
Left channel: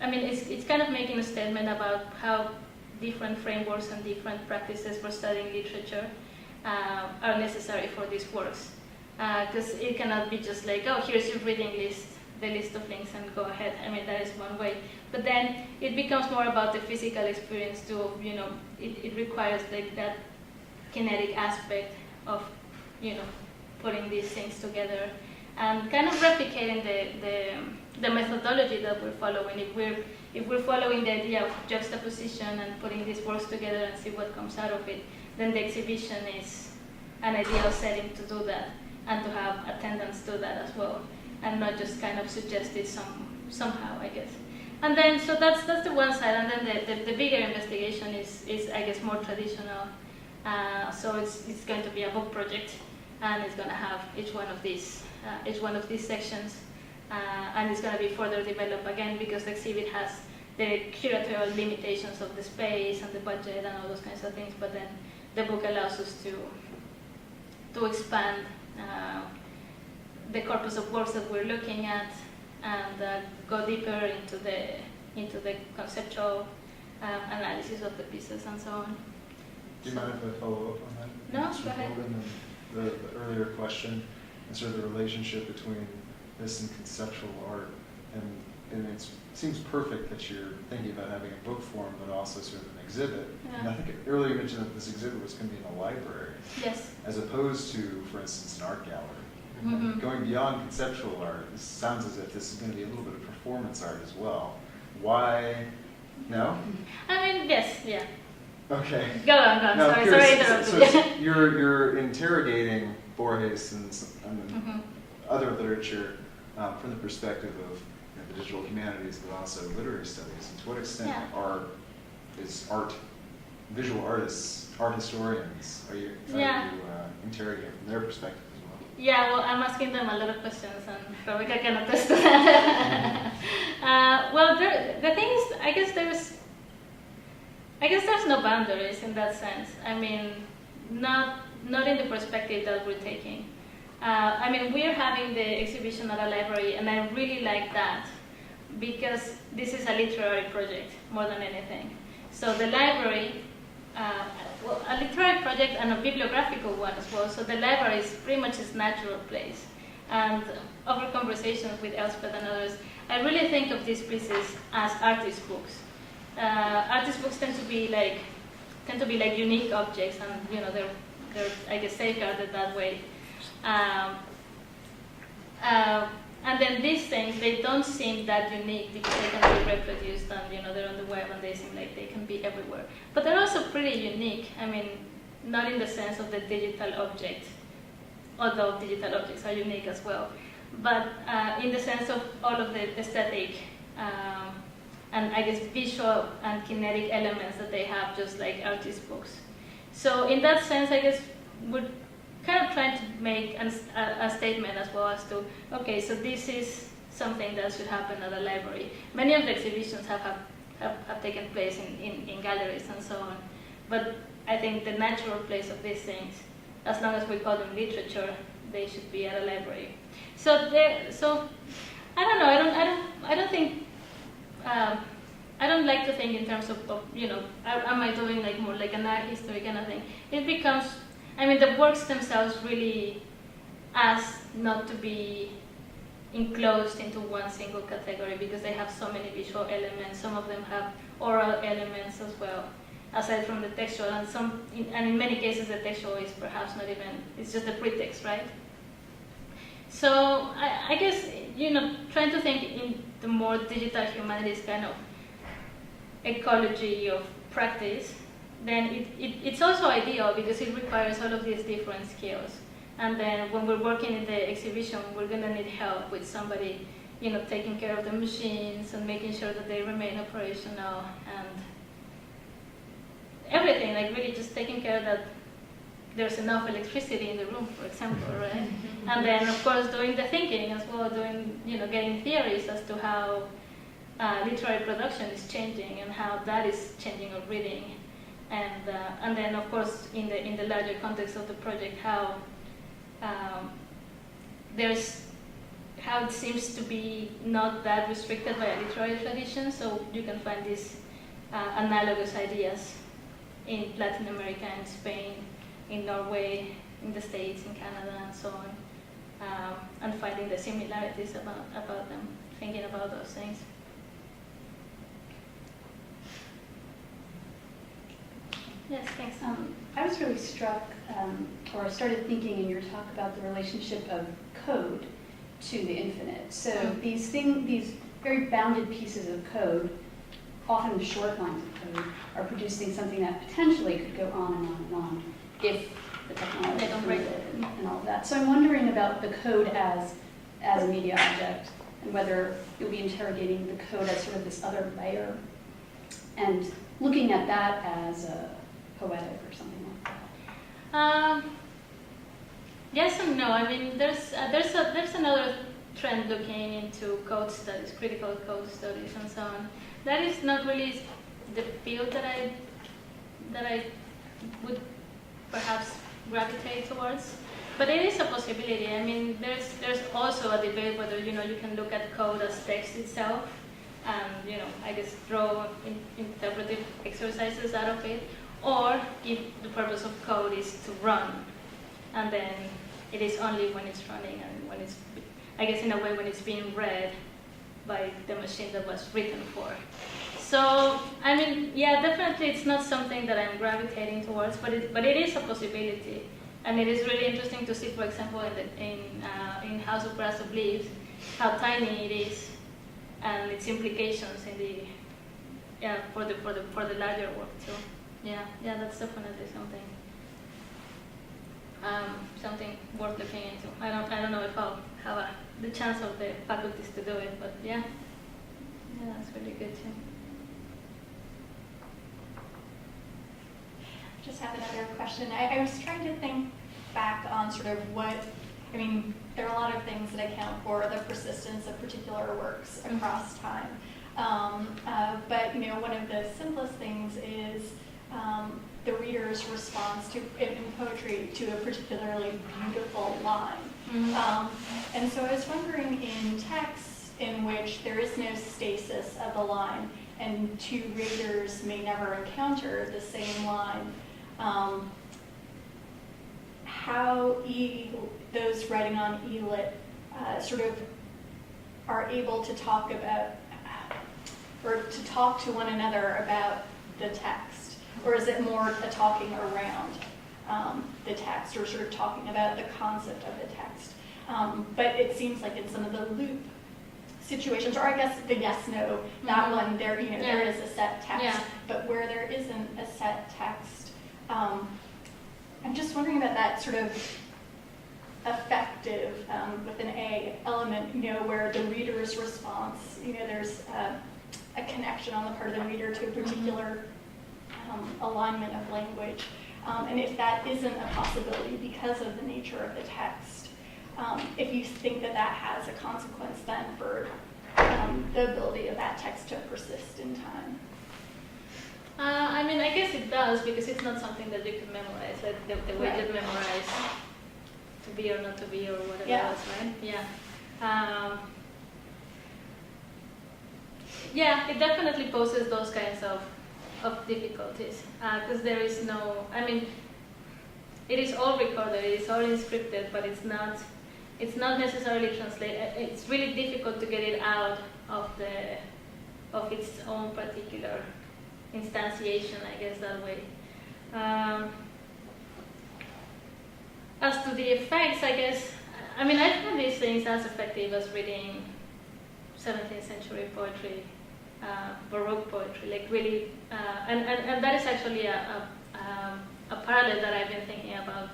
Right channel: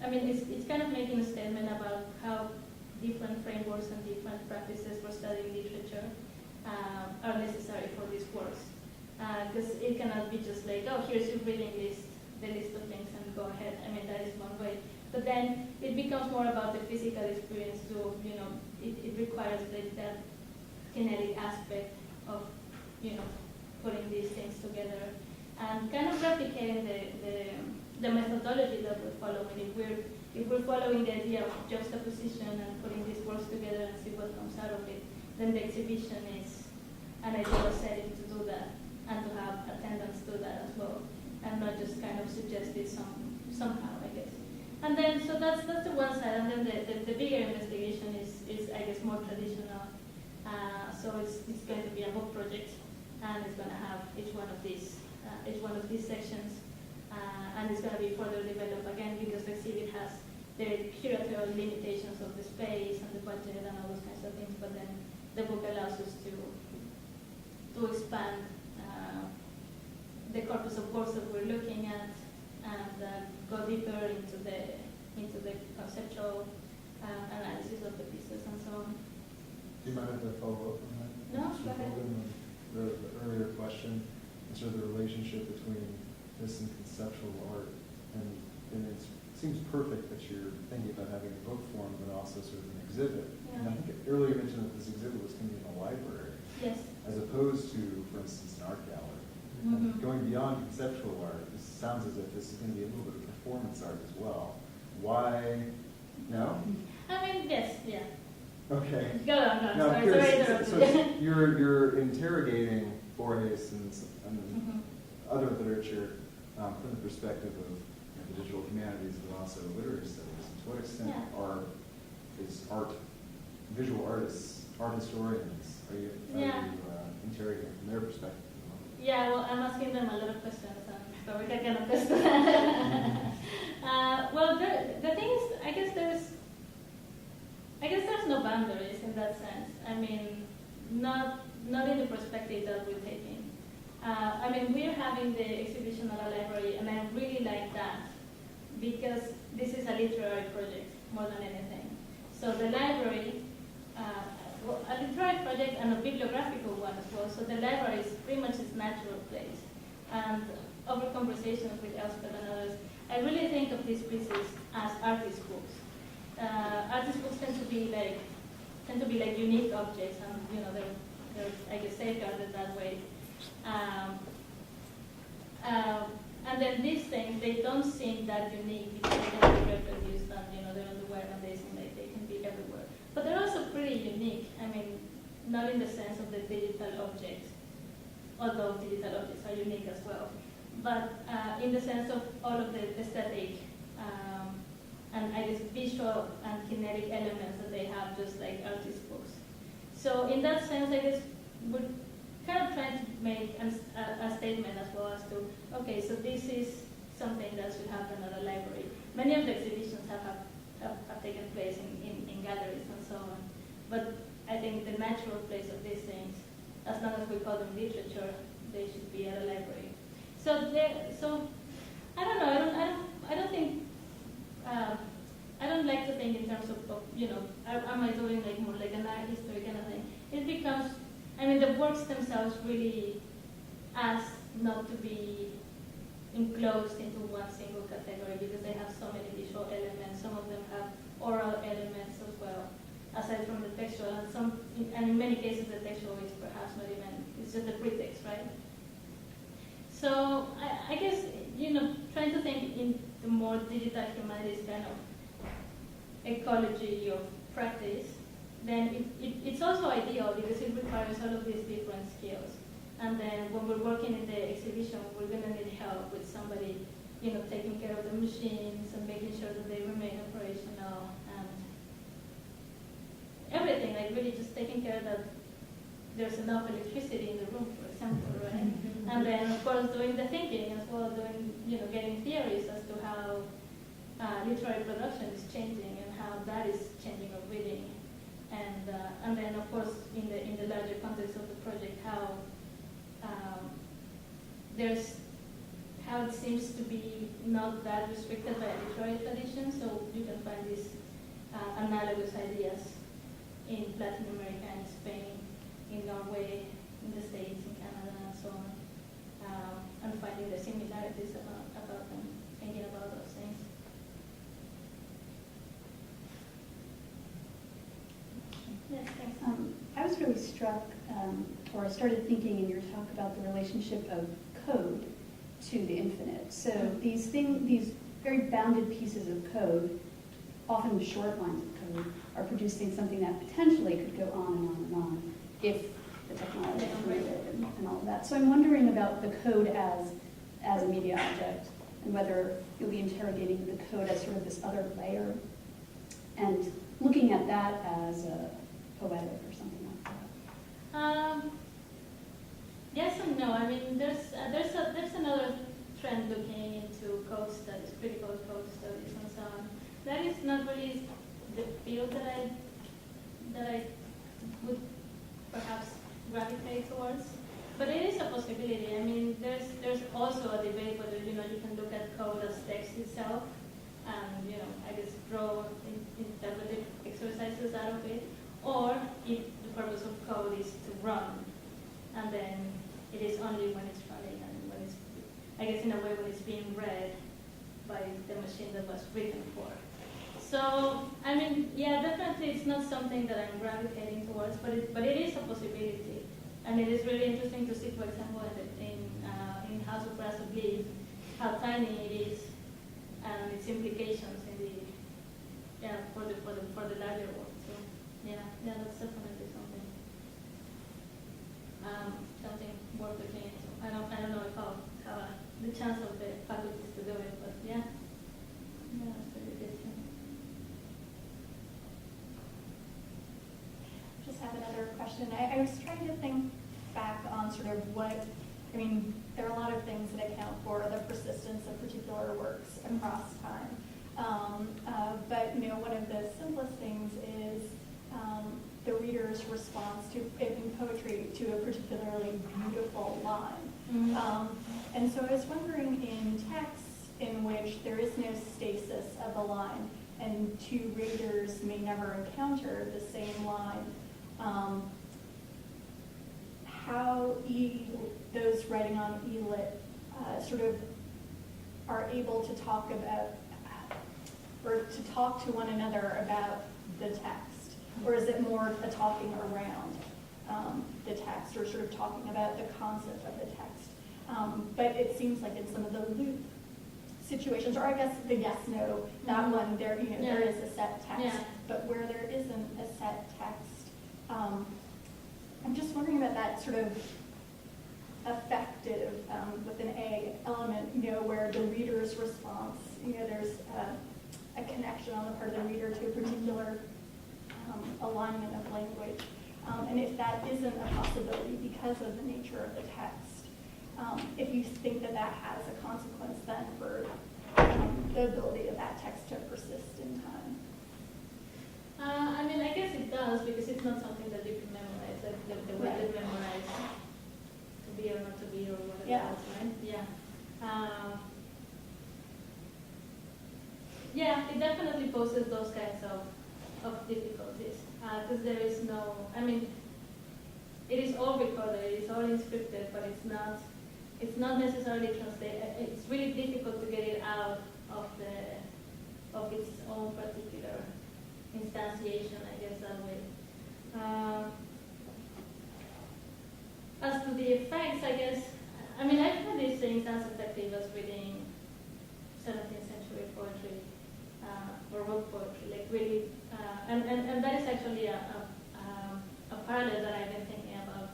it's kind of making a statement about how different frameworks and different practices for studying literature are necessary for these works. Because it cannot be just like, oh, here's your reading list, the list of links, and go ahead. That is one way. But then it becomes more about the physical experience too. It requires like that kinetic aspect of, putting these things together and kind of replicating the methodology that we're following. If we're following the idea of juxtaposition and putting these works together and see what comes out of it, then the exhibition is an ideal setting to do that and to have attendants do that as well, and not just kind of suggest it somehow, I guess. And then, so that's the one side, and then the bigger investigation is I guess more traditional. So it's going to be a book project, and it's going to have each one of these sections, and it's going to be further developed again because the exhibit has the curatorial limitations of the space and the budget and all those kinds of things. But then the book allows us to expand the corpus of works that we're looking at and go deeper into the conceptual analysis of the pieces and so on. Do you mind if I follow up on that? No, go ahead. The earlier question and sort of the relationship between this and conceptual art, and it seems perfect that you're thinking about having a book form, but also sort of an exhibit. Yeah. And I think earlier you mentioned that this exhibit was going to be in a library, Yes. as opposed to, for instance, an art gallery. Mm-hmm. Going beyond conceptual art, it sounds as if this is going to be a little bit performance art as well. Why? No? I mean, yes, yeah. Okay. Go on. No, Sorry, curious. interrupted. So you're interrogating Borges and Mhm. other literature from the perspective of the visual humanities, but also literary studies. And to what extent is art, visual artists, art historians, are you trying to interrogate from their perspective as well? Yeah, well, I'm asking them a lot of questions, and Rebecca can attest to that. Well, the thing is, I guess there's no boundaries in that sense. I mean, not in the perspective that we're taking. I mean, we're having the exhibition at a library, and I really like that because this is a literary project more than anything. So the library, well, a literary project and a bibliographical one as well. So the library is pretty much its natural place. And over conversations with Elspeth and others, I really think of these pieces as artist books. Artist books tend to be like unique objects, and they're I guess safeguarded that way. And then these things, they don't seem that unique because they can be reproduced, and they're on the web, and they seem like they can be everywhere. But they're also pretty unique. I mean, not in the sense of the digital object, although digital objects are unique as well, but in the sense of all of the aesthetic and I guess visual and kinetic elements that they have, just like artist books. So in that sense, I guess we're kind of trying to make a statement as well as to, okay, so this is something that should happen at a library. Many of the exhibitions have taken place in galleries and so on, but I think the natural place of these things, as long as we call them literature, they should be at a library. So I don't know. I don't think. I don't like to think in terms of am I doing like more like an art history kind of thing? It becomes, I mean, the works themselves really ask not to be enclosed into one single category because they have so many visual elements. Some of them have oral elements as well, aside from the textual, and in many cases the textual is perhaps not even, it's just a pretext, right? So I guess, trying to think in the more digital humanities kind of ecology of practice, then it's also ideal because it requires all of these different skills. And then when we're working in the exhibition, we're going to need help with somebody, taking care of the machines and making sure that they remain operational and everything, like really just taking care that there's enough electricity in the room, for example, right? And then, of course, doing the thinking as well, getting theories as to how literary production is changing and how that is changing our reading. And then, of course, in the larger context of the project, how it seems to be not that restricted by a literary tradition, so you can find these analogous ideas in Latin America and Spain, in Norway, in the States, in Canada, and so on, and finding the similarities about them, thinking about those things. Yes, thanks. I was really struck, or started thinking in your talk about the relationship of code to the infinite. So these very bounded pieces of code, often short lines of code, are producing something that potentially could go on and on and on if the technology is permitted and all of that. So I'm wondering about the code as a media object, and whether you'll be interrogating the code as sort of this other layer, and looking at that as a poetic or something like that. Yes and no. I mean, there's another trend looking into code studies, critical code studies, and so on. That is not really the field that I would perhaps gravitate towards, but it is a possibility. I mean, there's also a debate whether you can look at code as text itself, and I guess draw interpretive exercises out of it, or if the purpose of code is to run, and then it is only when it's running and when it's, I guess in a way, when it's being read by the machine that was written for. So, I mean, yeah, definitely it's not something that I'm gravitating towards, but it is a possibility. And it is really interesting to see, for example, in House of Brass of Leaves, how tiny it is, and its implications in the for the larger work too. Yeah, that's definitely something something worth looking into. I don't know if I'll have the chance of the faculties to do it, but yeah, that's really good too. Just have another question. I was trying to think back on sort of there are a lot of things that account for the persistence of particular works across time. But one of the simplest things is the reader's response in poetry to a particularly beautiful line. And so I was wondering, in texts in which there is no stasis of a line and two readers may never encounter the same line, how those writing on elit sort of are able to talk about or to talk to one another about the text, or is it more a talking around the text, or sort of talking about the concept of the text? But it seems like in some of the loop situations, or I guess the yes/no, that one there, there is a set text, but where there isn't a set text, I'm just wondering about that sort of effective, with an A, element, where the reader's response, there's a connection on the part of the reader to a particular alignment of language. And if that isn't a possibility because of the nature of the text, if you think that has a consequence then for the ability of that text to persist in time. I guess it does, because it's not something that you can memorize, like the way you memorize to be or not to be or whatever else, right? It definitely poses those kinds of difficulties, because there is no, it is all recorded, it is all inscripted, but it's not necessarily translated. It's really difficult to get it out of its own particular instantiation, I guess, that way. As to the effects, I guess, I find these things as effective as reading 17th century poetry, Baroque poetry, like really, and that is actually a parallel that I've been thinking about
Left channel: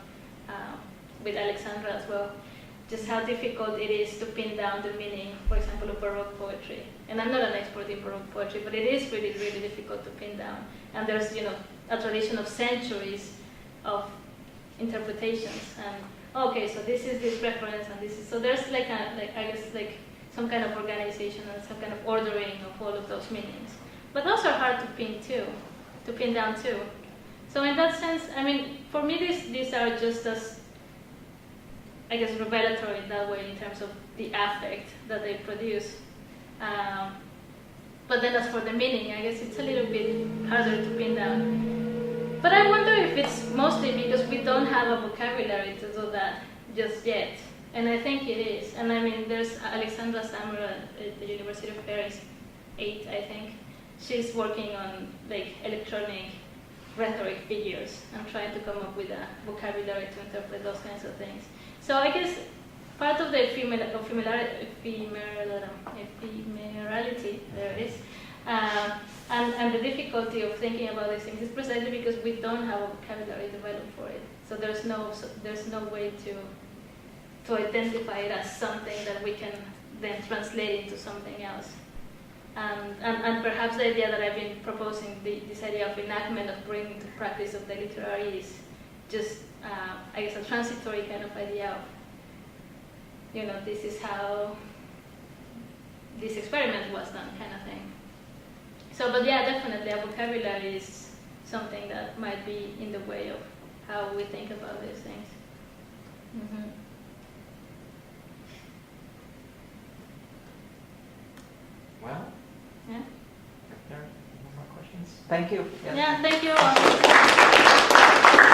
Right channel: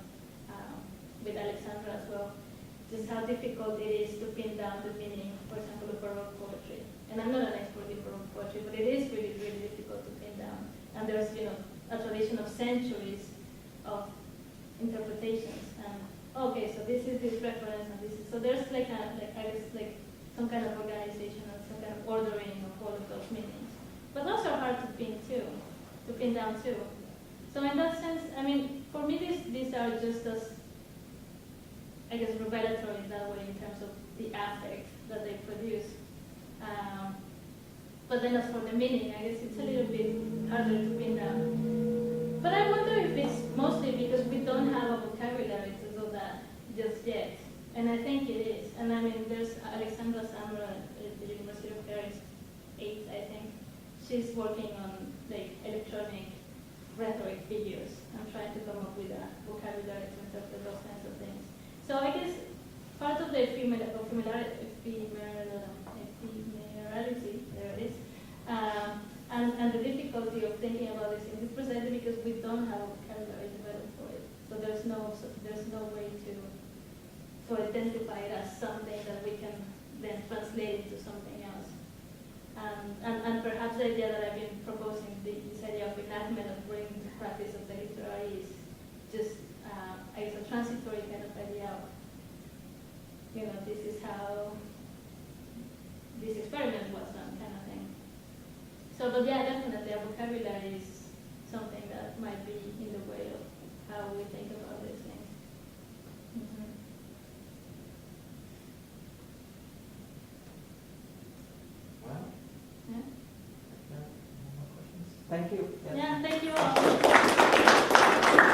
with Alexandra as well, just how difficult it is to pin down the meaning, for example, of Baroque poetry. And I'm not an expert in Baroque poetry, but it is really, really difficult to pin down. And there's, a tradition of centuries of interpretations. And okay, so this is this reference, and this is, so there's I guess some kind of organization and some kind of ordering of all of those meanings. But those are hard to pin down too. So in that sense, for me, these are just as, I guess, revelatory in that way in terms of the affect that they produce. But then as for the meaning, I guess it's a little bit harder to pin down. But I wonder if it's mostly because we don't have a vocabulary to do that just yet. And I think it is. And there's Alexandra Sammer at the University of Paris, 8, I think. She's working on electronic rhetoric figures and trying to come up with a vocabulary to interpret those kinds of things. So I guess part of the ephemerality, there it is, and the difficulty of thinking about these things is precisely because we don't have a vocabulary developed for it. So there's no way to identify it as something that we can then translate into something else. And perhaps the idea that I've been proposing, this idea of enactment, of bringing to practice of the literary, is just, I guess, a transitory kind of idea of, this is how this experiment was done, kind of thing. So, but yeah, definitely a vocabulary is something that might be in the way of how we think about these things. Mm-hmm. Well, Yeah. are there any more questions? Thank you. Yeah, thank you all.